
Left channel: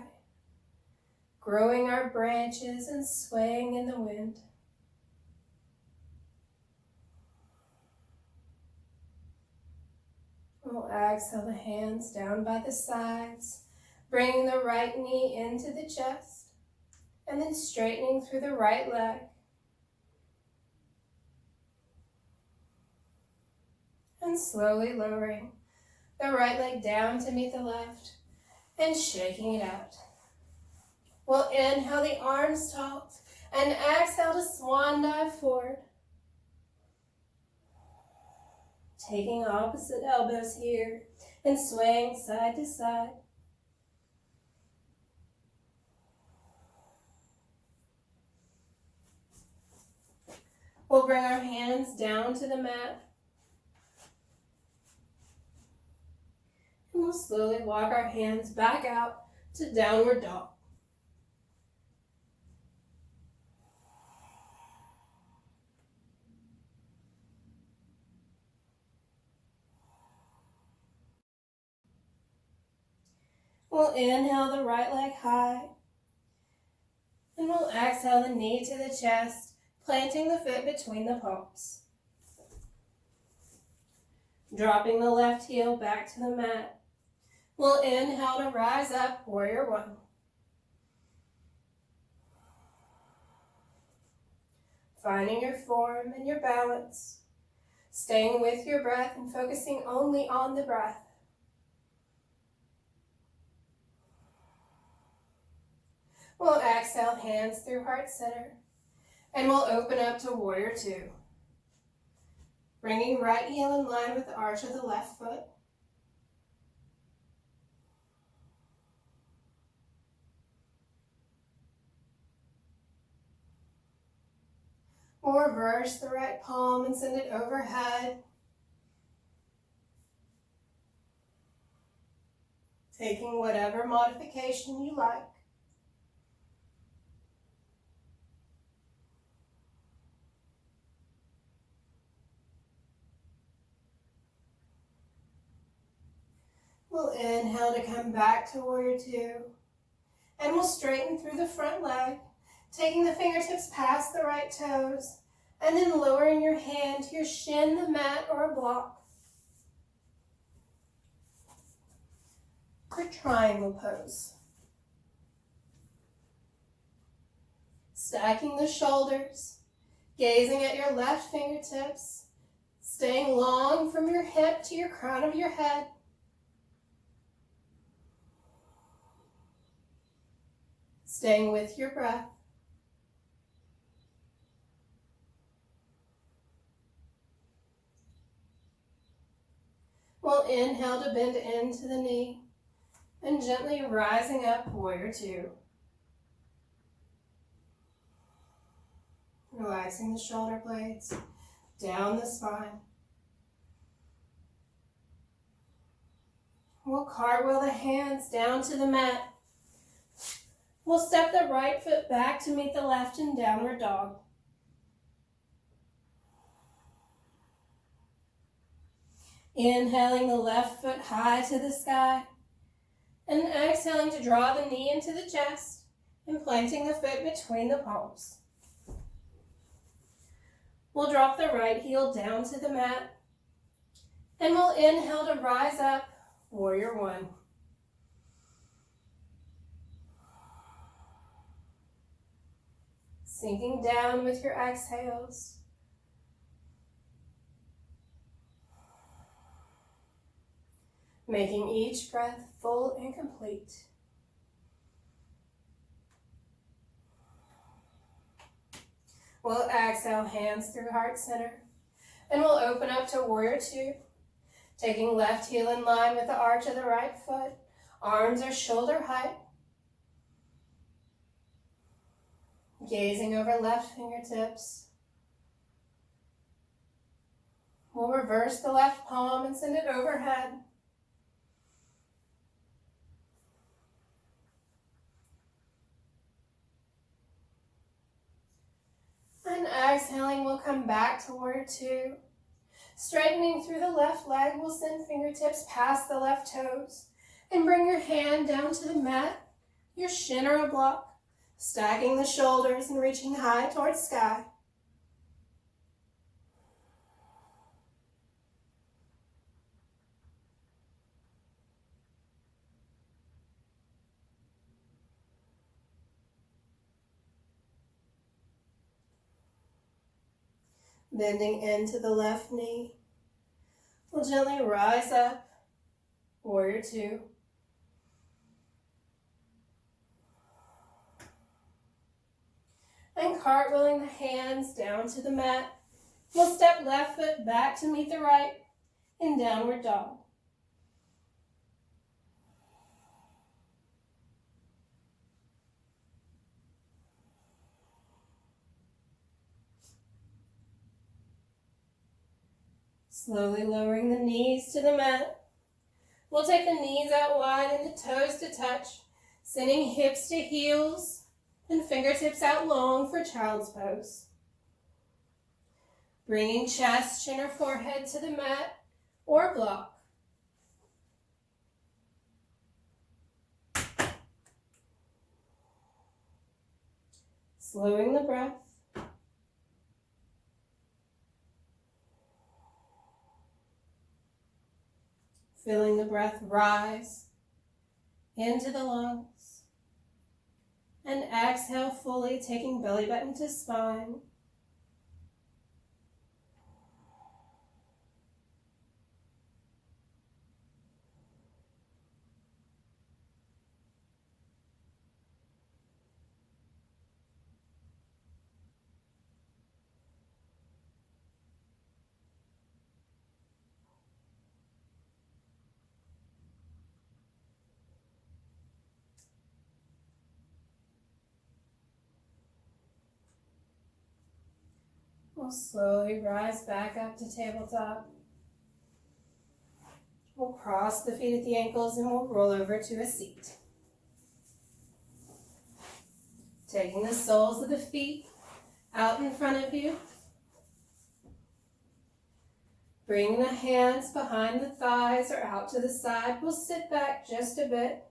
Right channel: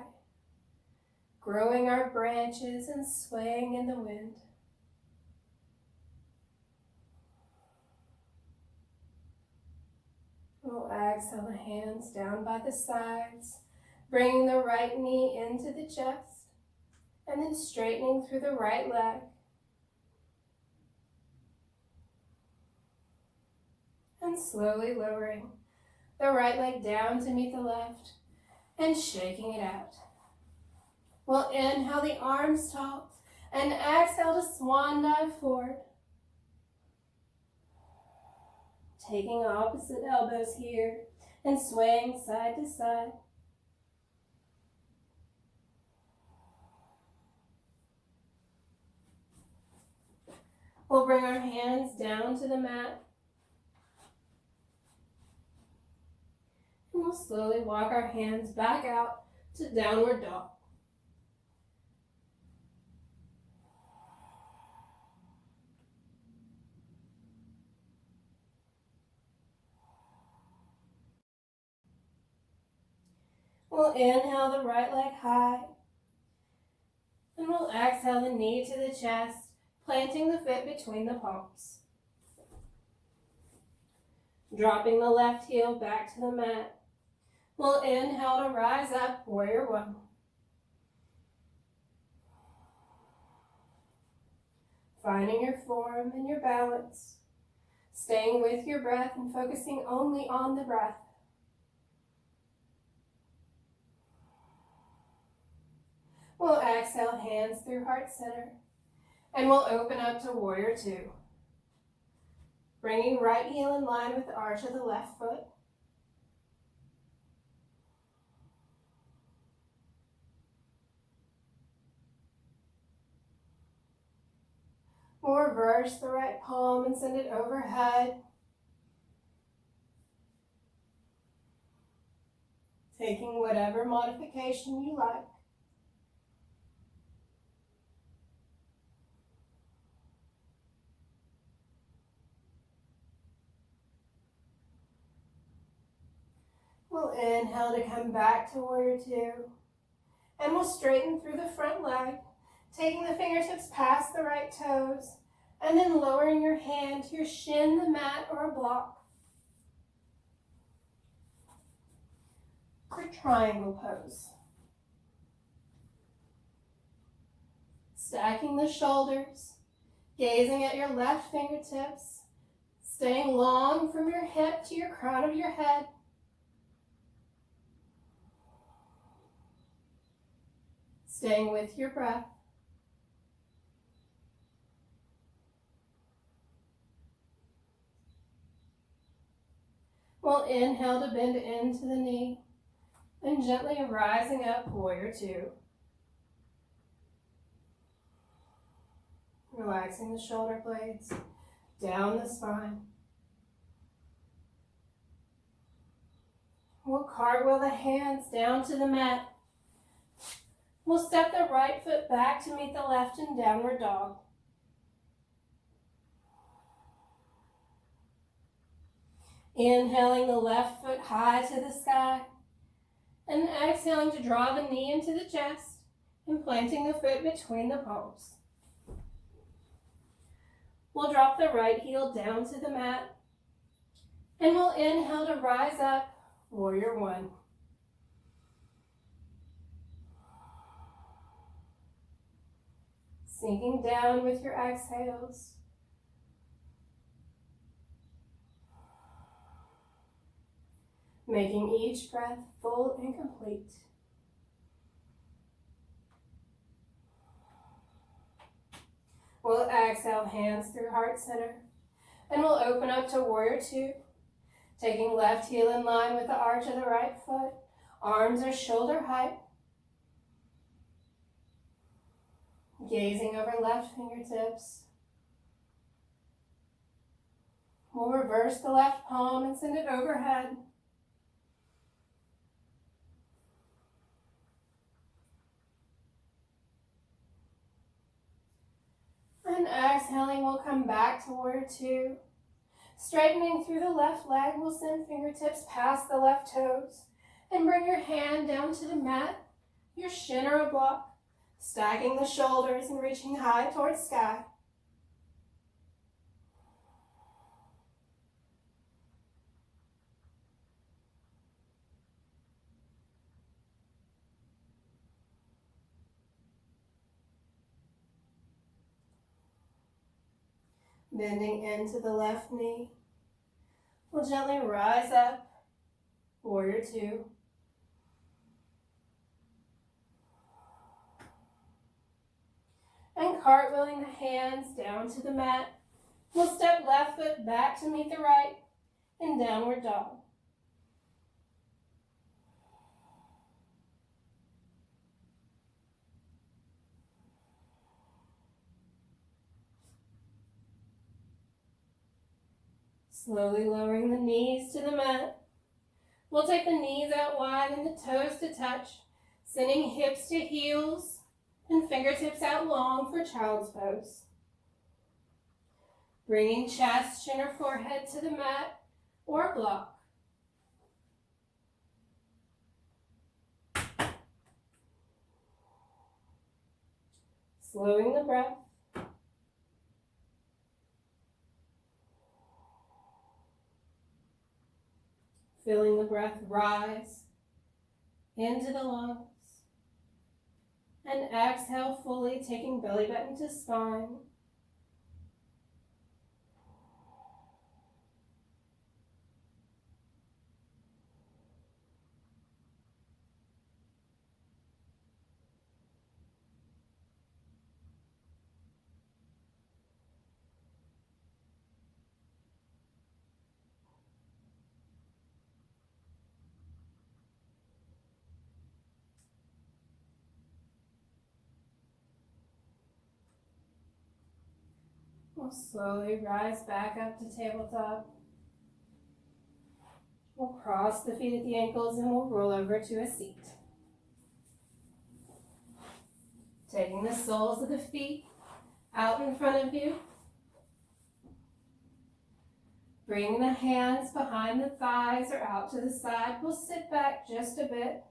growing our branches and swaying in the wind. We'll exhale the hands down by the sides, bringing the right knee into the chest, and then straightening through the right leg. And slowly lowering the right leg down to meet the left and shaking it out. We'll inhale the arms tall and exhale to swan dive forward. Taking opposite elbows here and swaying side to side. We'll bring our hands down to the mat. And we'll slowly walk our hands back out to downward dog. We'll inhale the right leg high. And we'll exhale the knee to the chest, planting the foot between the palms. Dropping the left heel back to the mat. We'll inhale to rise up, warrior one. Finding your form and your balance. Staying with your breath and focusing only on the breath. We'll exhale, hands through heart center. And we'll open up to warrior two. Bringing right heel in line with the arch of the left foot. We'll reverse the right palm and send it overhead. Taking whatever modification you like. We'll inhale to come back to warrior two. And we'll straighten through the front leg, taking the fingertips past the right toes, and then lowering your hand to your shin, the mat, or a block. For triangle pose. Stacking the shoulders, gazing at your left fingertips, staying long from your hip to your crown of your head. Staying with your breath. We'll inhale to bend into the knee and gently rising up, warrior two. Relaxing the shoulder blades, down the spine. We'll cartwheel the hands down to the mat. We'll step the right foot back to meet the left in downward dog. Inhaling the left foot high to the sky, and exhaling to draw the knee into the chest and planting the foot between the palms. We'll drop the right heel down to the mat, and we'll inhale to rise up, warrior one. Sinking down with your exhales. Making each breath full and complete. We'll exhale, hands through heart center, and we'll open up to warrior two, taking left heel in line with the arch of the right foot. Arms are shoulder height. Gazing over left fingertips. We'll reverse the left palm and send it overhead. And exhaling, we'll come back to warrior two. Straightening through the left leg, we'll send fingertips past the left toes and bring your hand down to the mat, your shin or a block, stacking the shoulders and reaching high towards sky. Bending into the left knee. We'll gently rise up, warrior two. And cartwheeling the hands down to the mat. We'll step left foot back to meet the right in downward dog. Slowly lowering the knees to the mat. We'll take the knees out wide and the toes to touch, sending hips to heels and fingertips out long for child's pose. Bringing chest, chin, or forehead to the mat or block. Slowing the breath. Feeling the breath rise into the lungs. And exhale fully, taking belly button to spine. We'll slowly rise back up to tabletop. We'll cross the feet at the ankles and we'll roll over to a seat. Taking the soles of the feet out in front of you. Bringing the hands behind the thighs or out to the side. We'll sit back just a bit.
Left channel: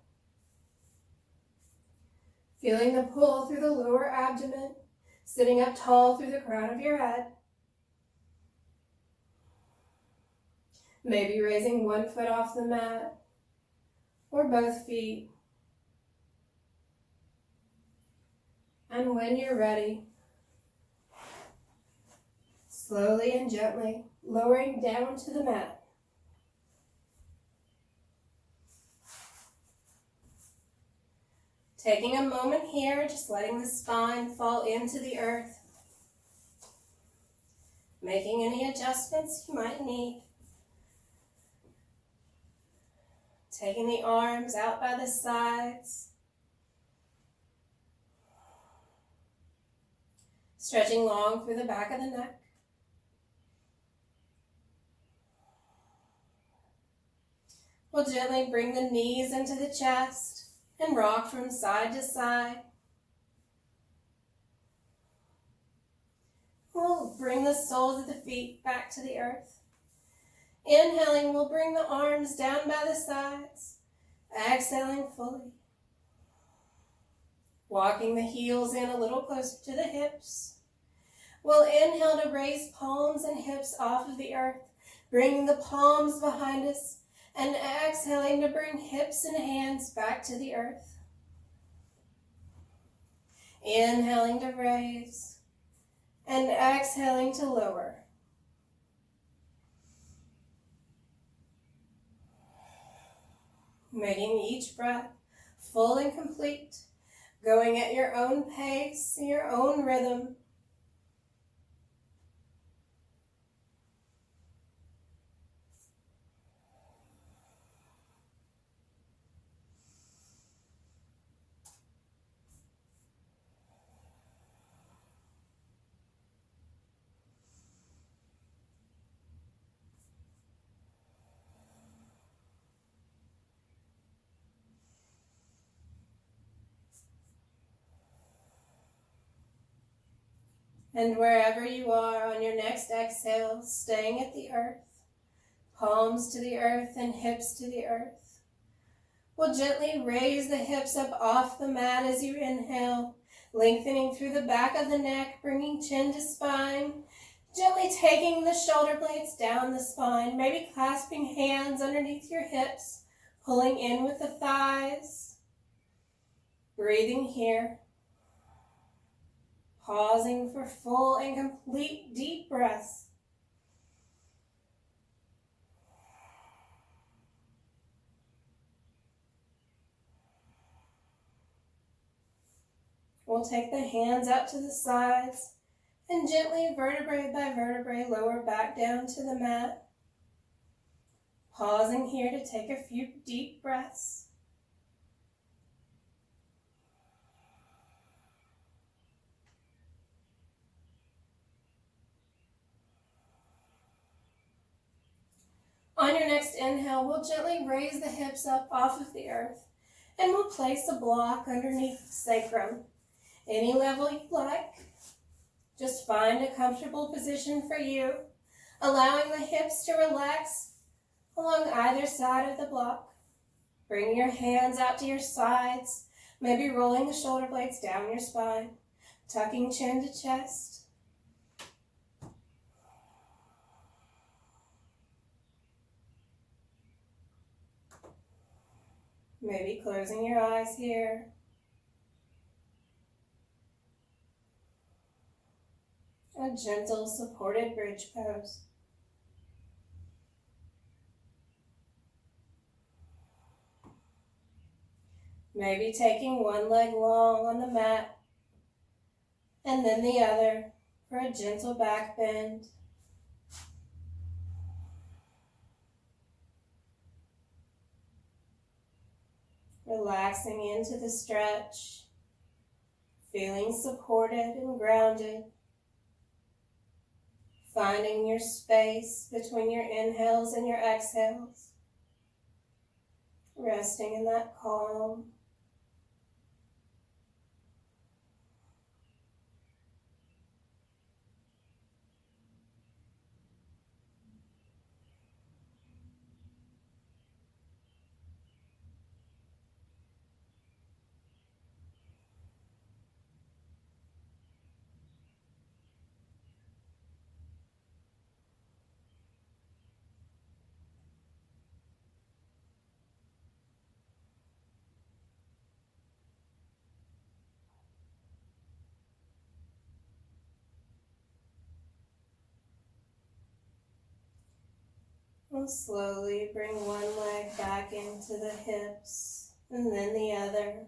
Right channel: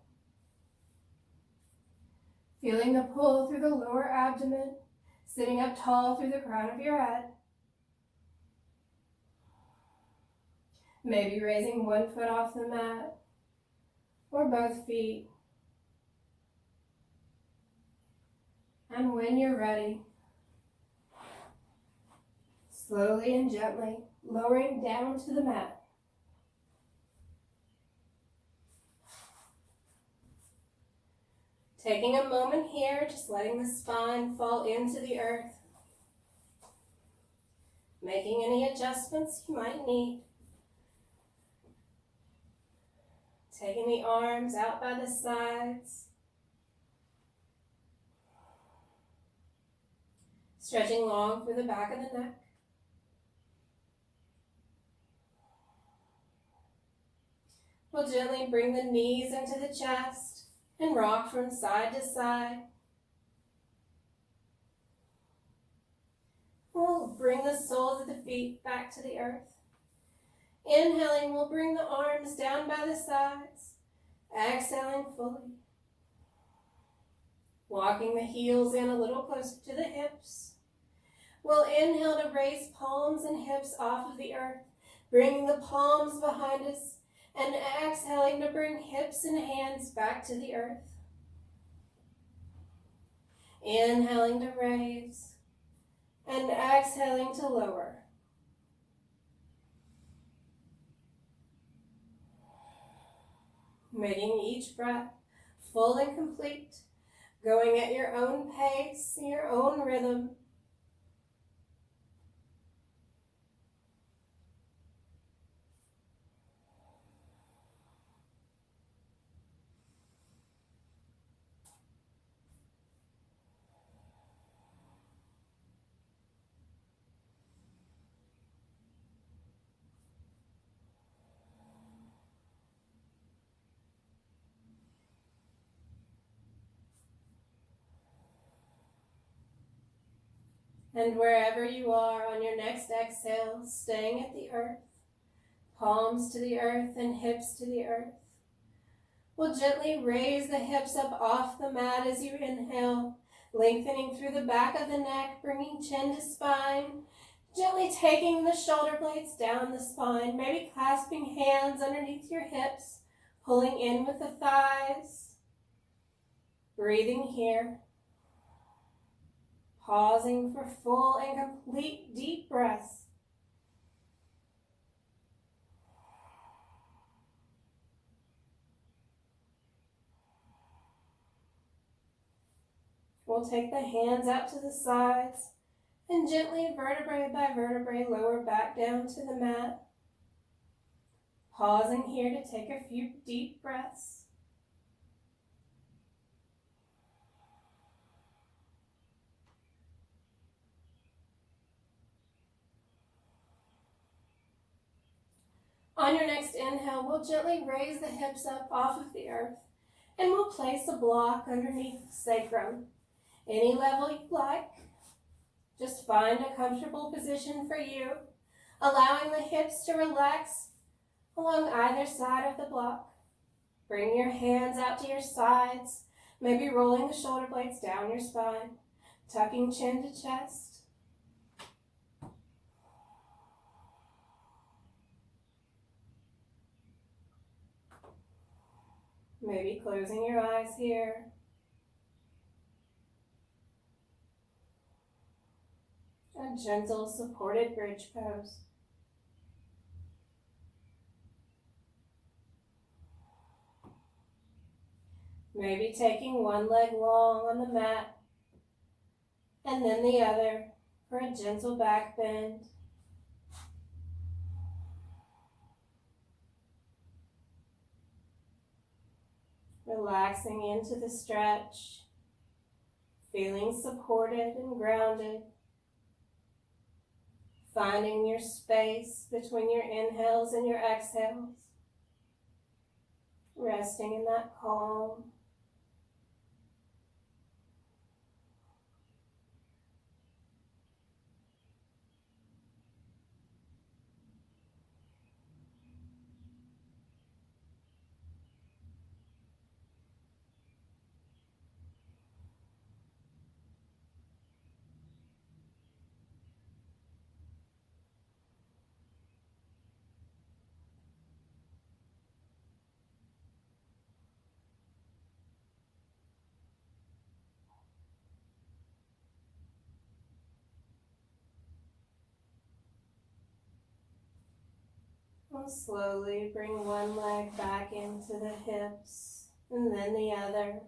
Feeling the pull through the lower abdomen. Sitting up tall through the crown of your head. Maybe raising one foot off the mat or both feet. And when you're ready, slowly and gently lowering down to the mat. Taking a moment here, just letting the spine fall into the earth. Making any adjustments you might need. Taking the arms out by the sides. Stretching long through the back of the neck. We'll gently bring the knees into the chest and rock from side to side. We'll bring the soles of the feet back to the earth. Inhaling, we'll bring the arms down by the sides. Exhaling fully. Walking the heels in a little closer to the hips. We'll inhale to raise palms and hips off of the earth, bringing the palms behind us, and exhaling to bring hips and hands back to the earth. Inhaling to raise, and exhaling to lower. Making each breath full and complete, going at your own pace, your own rhythm. And wherever you are on your next exhale, staying at the earth, palms to the earth and hips to the earth. We'll gently raise the hips up off the mat as you inhale, lengthening through the back of the neck, bringing chin to spine, gently taking the shoulder blades down the spine, maybe clasping hands underneath your hips, pulling in with the thighs. Breathing here. Pausing for full and complete deep breaths. We'll take the hands out to the sides and gently, vertebrae by vertebrae, lower back down to the mat. Pausing here to take a few deep breaths. On your next inhale, we'll gently raise the hips up off of the earth, and we'll place a block underneath the sacrum. Any level you like. Just find a comfortable position for you, allowing the hips to relax along either side of the block. Bring your hands out to your sides, maybe rolling the shoulder blades down your spine, tucking chin to chest. Maybe closing your eyes here. A gentle supported bridge pose. Maybe taking one leg long on the mat and then the other for a gentle back bend. Relaxing into the stretch, feeling supported and grounded. Finding your space between your inhales and your exhales. Resting in that calm. We'll slowly bring one leg back into the hips and then the other.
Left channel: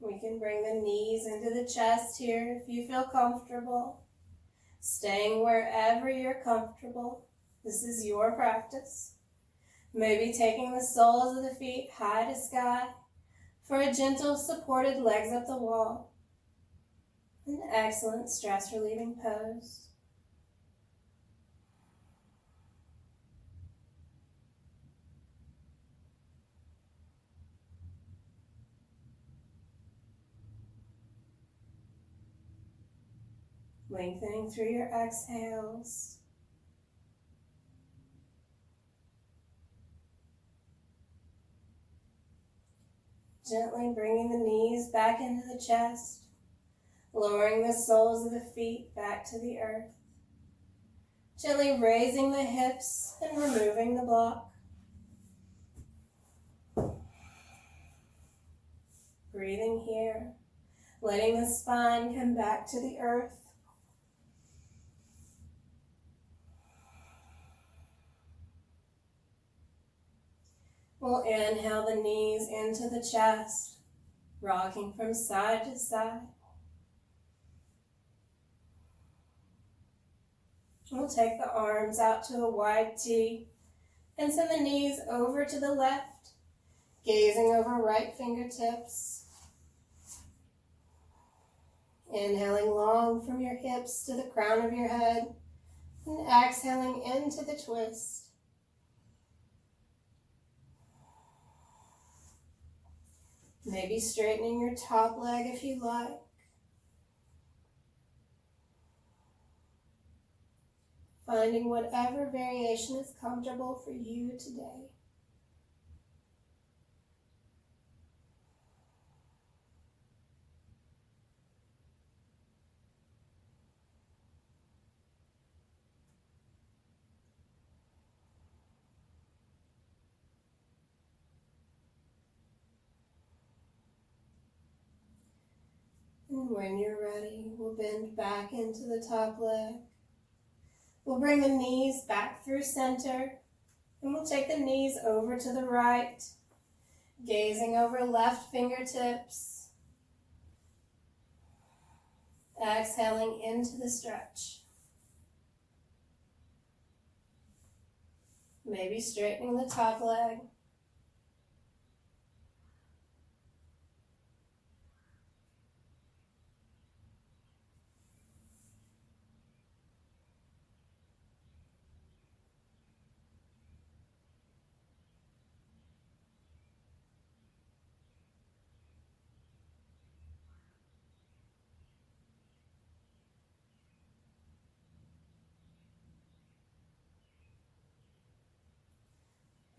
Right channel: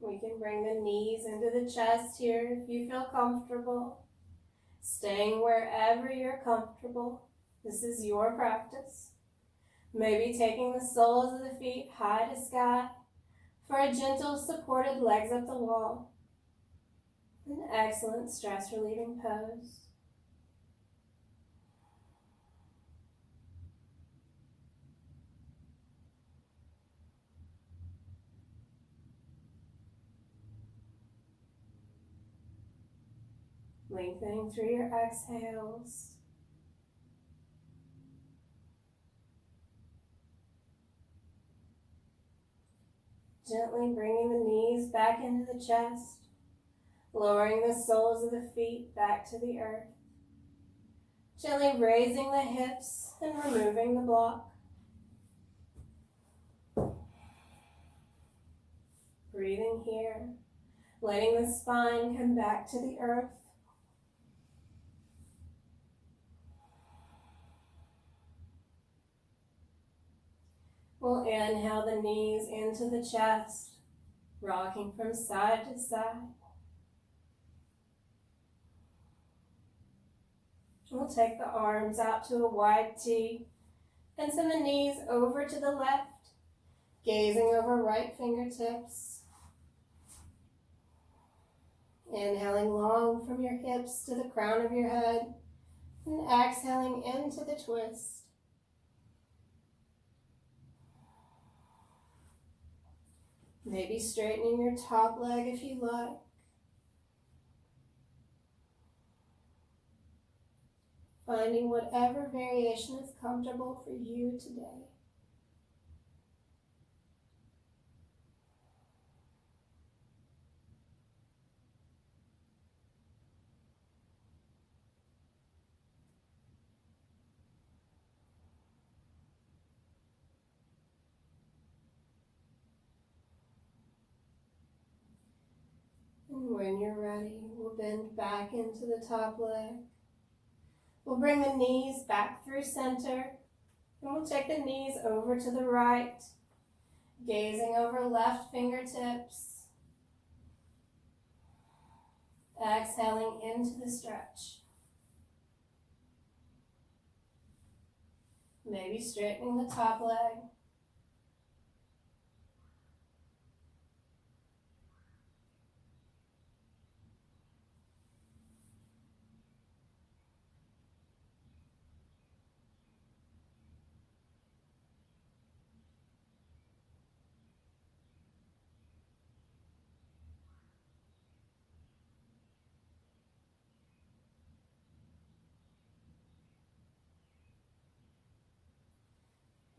We can bring the knees into the chest here if you feel comfortable. Staying wherever you're comfortable. This is your practice. Maybe taking the soles of the feet high to sky for a gentle supported legs up the wall. An excellent stress relieving pose. lengthening through your exhales. Gently bringing the knees back into the chest, lowering the soles of the feet back to the earth. Gently raising the hips and removing the block. Breathing here, letting the spine come back to the earth. We'll inhale the knees into the chest, rocking from side to side. We'll take the arms out to a wide T and send the knees over to the left, gazing over right fingertips. Inhaling long from your hips to the crown of your head and exhaling into the twist. Maybe straightening your top leg if you like. Finding whatever variation is comfortable for you today. And when you're ready, we'll bend back into the top leg. We'll bring the knees back through center, and we'll take the knees over to the right, gazing over left fingertips. Exhaling into the stretch. Maybe straightening the top leg.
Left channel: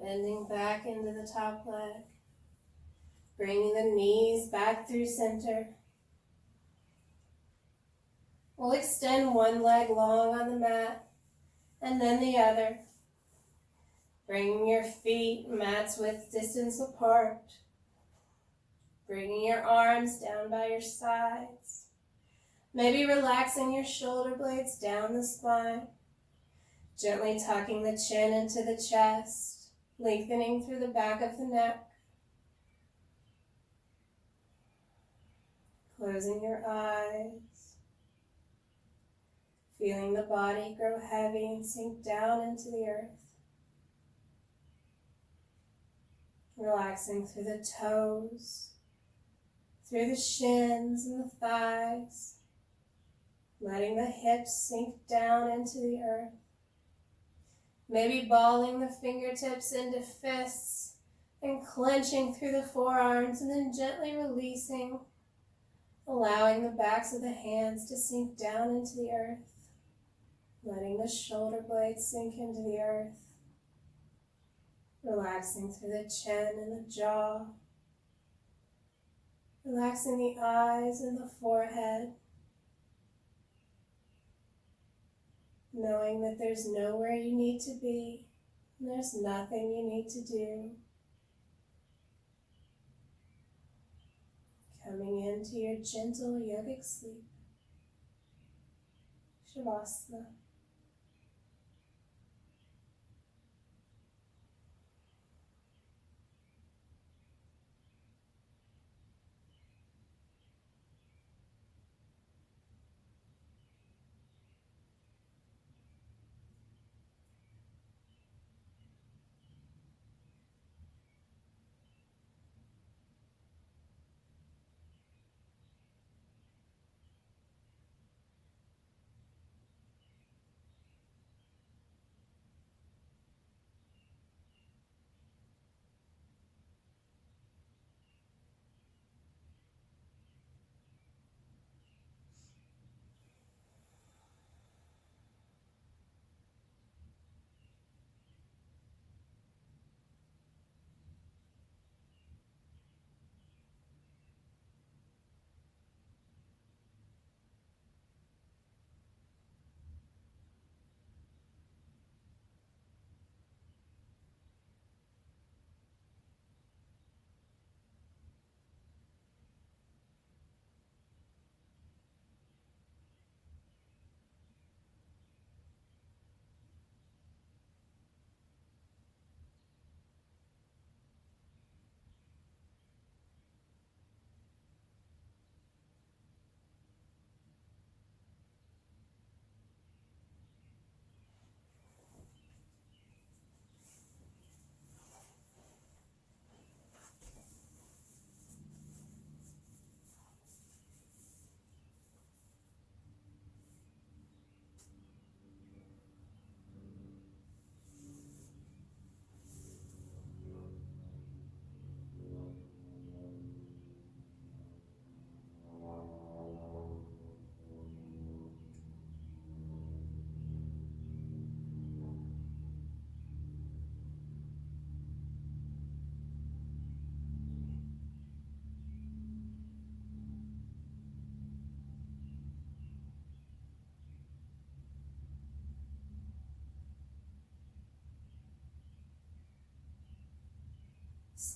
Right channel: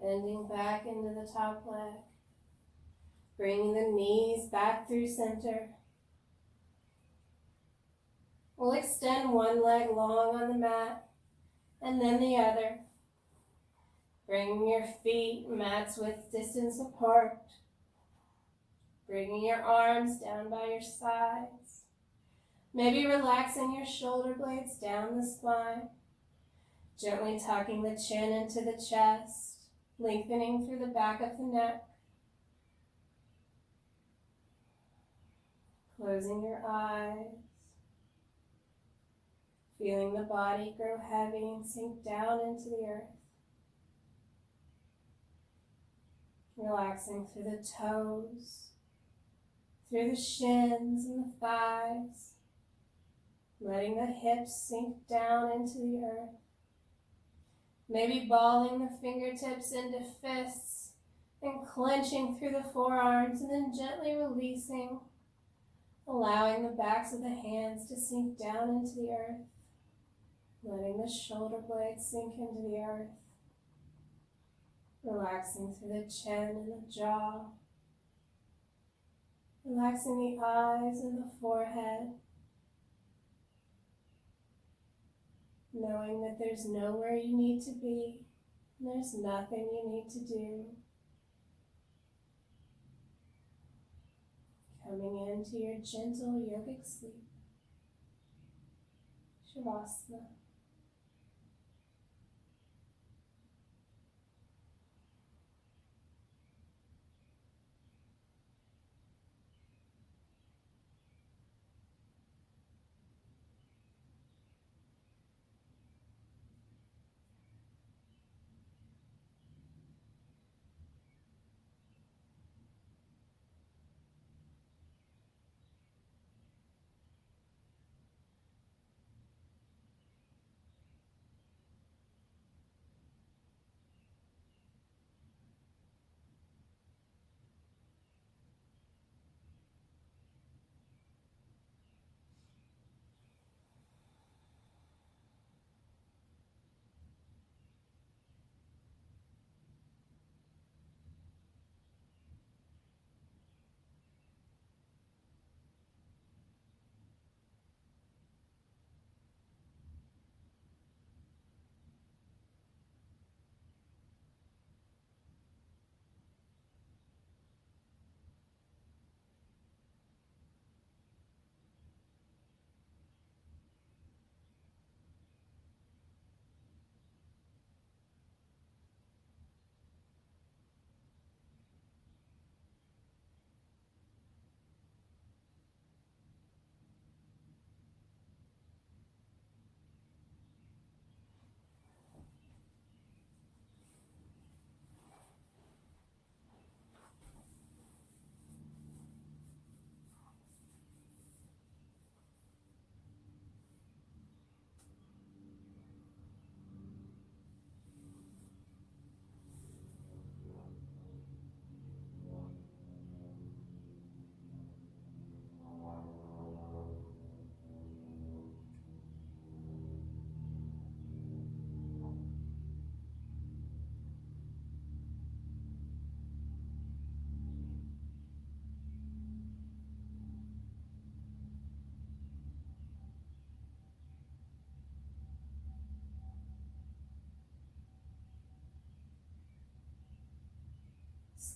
Bending back into the top leg. Bringing the knees back through center. We'll extend one leg long on the mat and then the other. Bringing your feet mat's width distance apart. Bringing your arms down by your sides. Maybe relaxing your shoulder blades down the spine. Gently tucking the chin into the chest. Lengthening through the back of the neck. Closing your eyes. Feeling the body grow heavy and sink down into the earth. Relaxing through the toes, through the shins and the thighs. Letting the hips sink down into the earth. Maybe balling the fingertips into fists and clenching through the forearms and then gently releasing, allowing the backs of the hands to sink down into the earth, letting the shoulder blades sink into the earth, relaxing through the chin and the jaw, relaxing the eyes and the forehead, knowing that there's nowhere you need to be, and there's nothing you need to do. Coming into your gentle yogic sleep. Shavasana.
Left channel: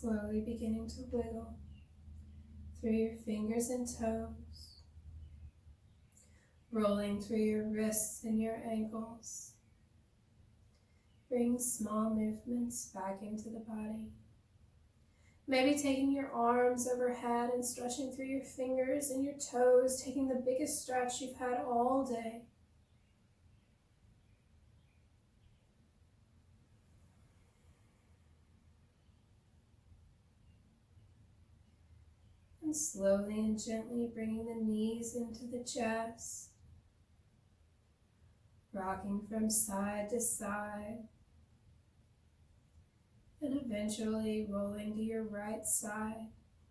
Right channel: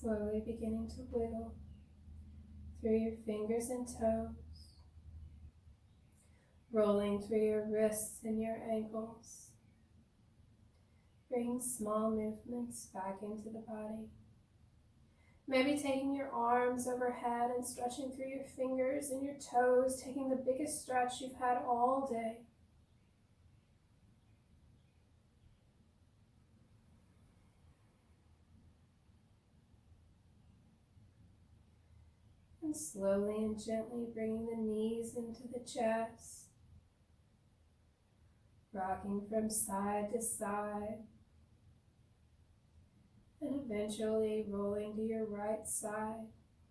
slowly beginning to wiggle through your fingers and toes, rolling through your wrists and your ankles. Bring small movements back into the body. Maybe taking your arms overhead and stretching through your fingers and your toes, taking the biggest stretch you've had all day. And slowly and gently bringing the knees into the chest, rocking from side to side, and eventually rolling to your right side,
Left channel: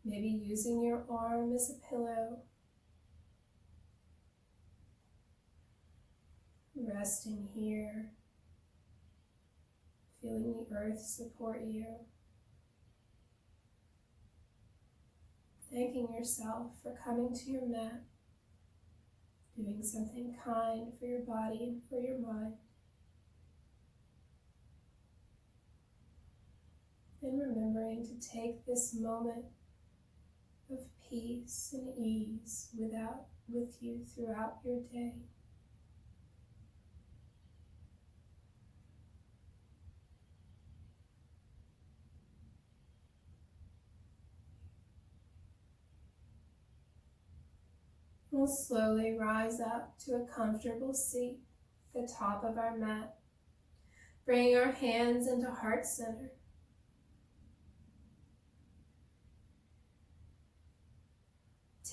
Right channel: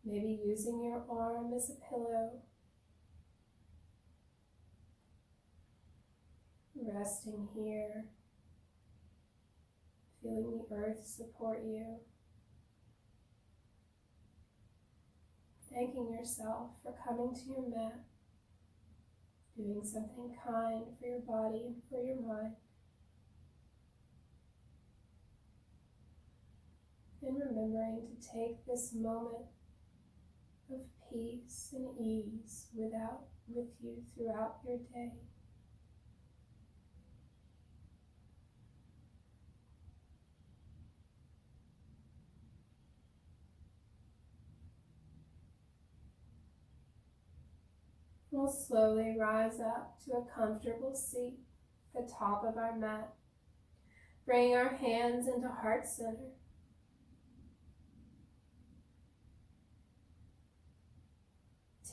maybe using your arm as a pillow. Resting here, feeling the earth support you. Thanking yourself for coming to your mat, doing something kind for your body and for your mind. And remembering to take this moment of peace and ease with you throughout your day. We'll slowly rise up to a comfortable seat at the top of our mat, bringing our hands into heart center.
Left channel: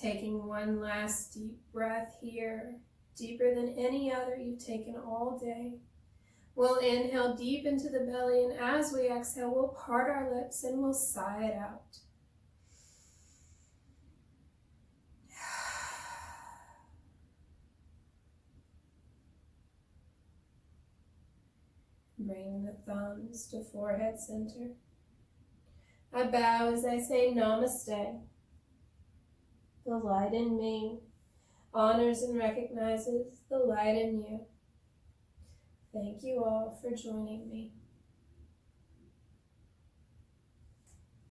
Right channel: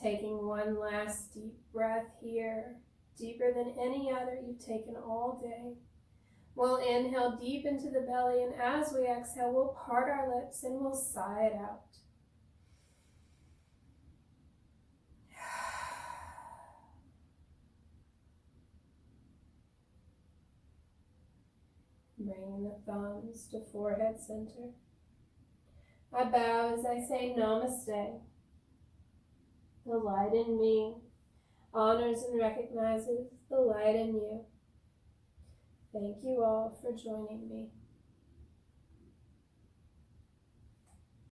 Taking one last deep breath here, deeper than any other you've taken all day. We'll inhale deep into the belly, and as we exhale, we'll part our lips and we'll sigh it out. Bringing the thumbs to forehead center. I bow as I say namaste. The light in me honors and recognizes the light in you. Thank you all for joining me.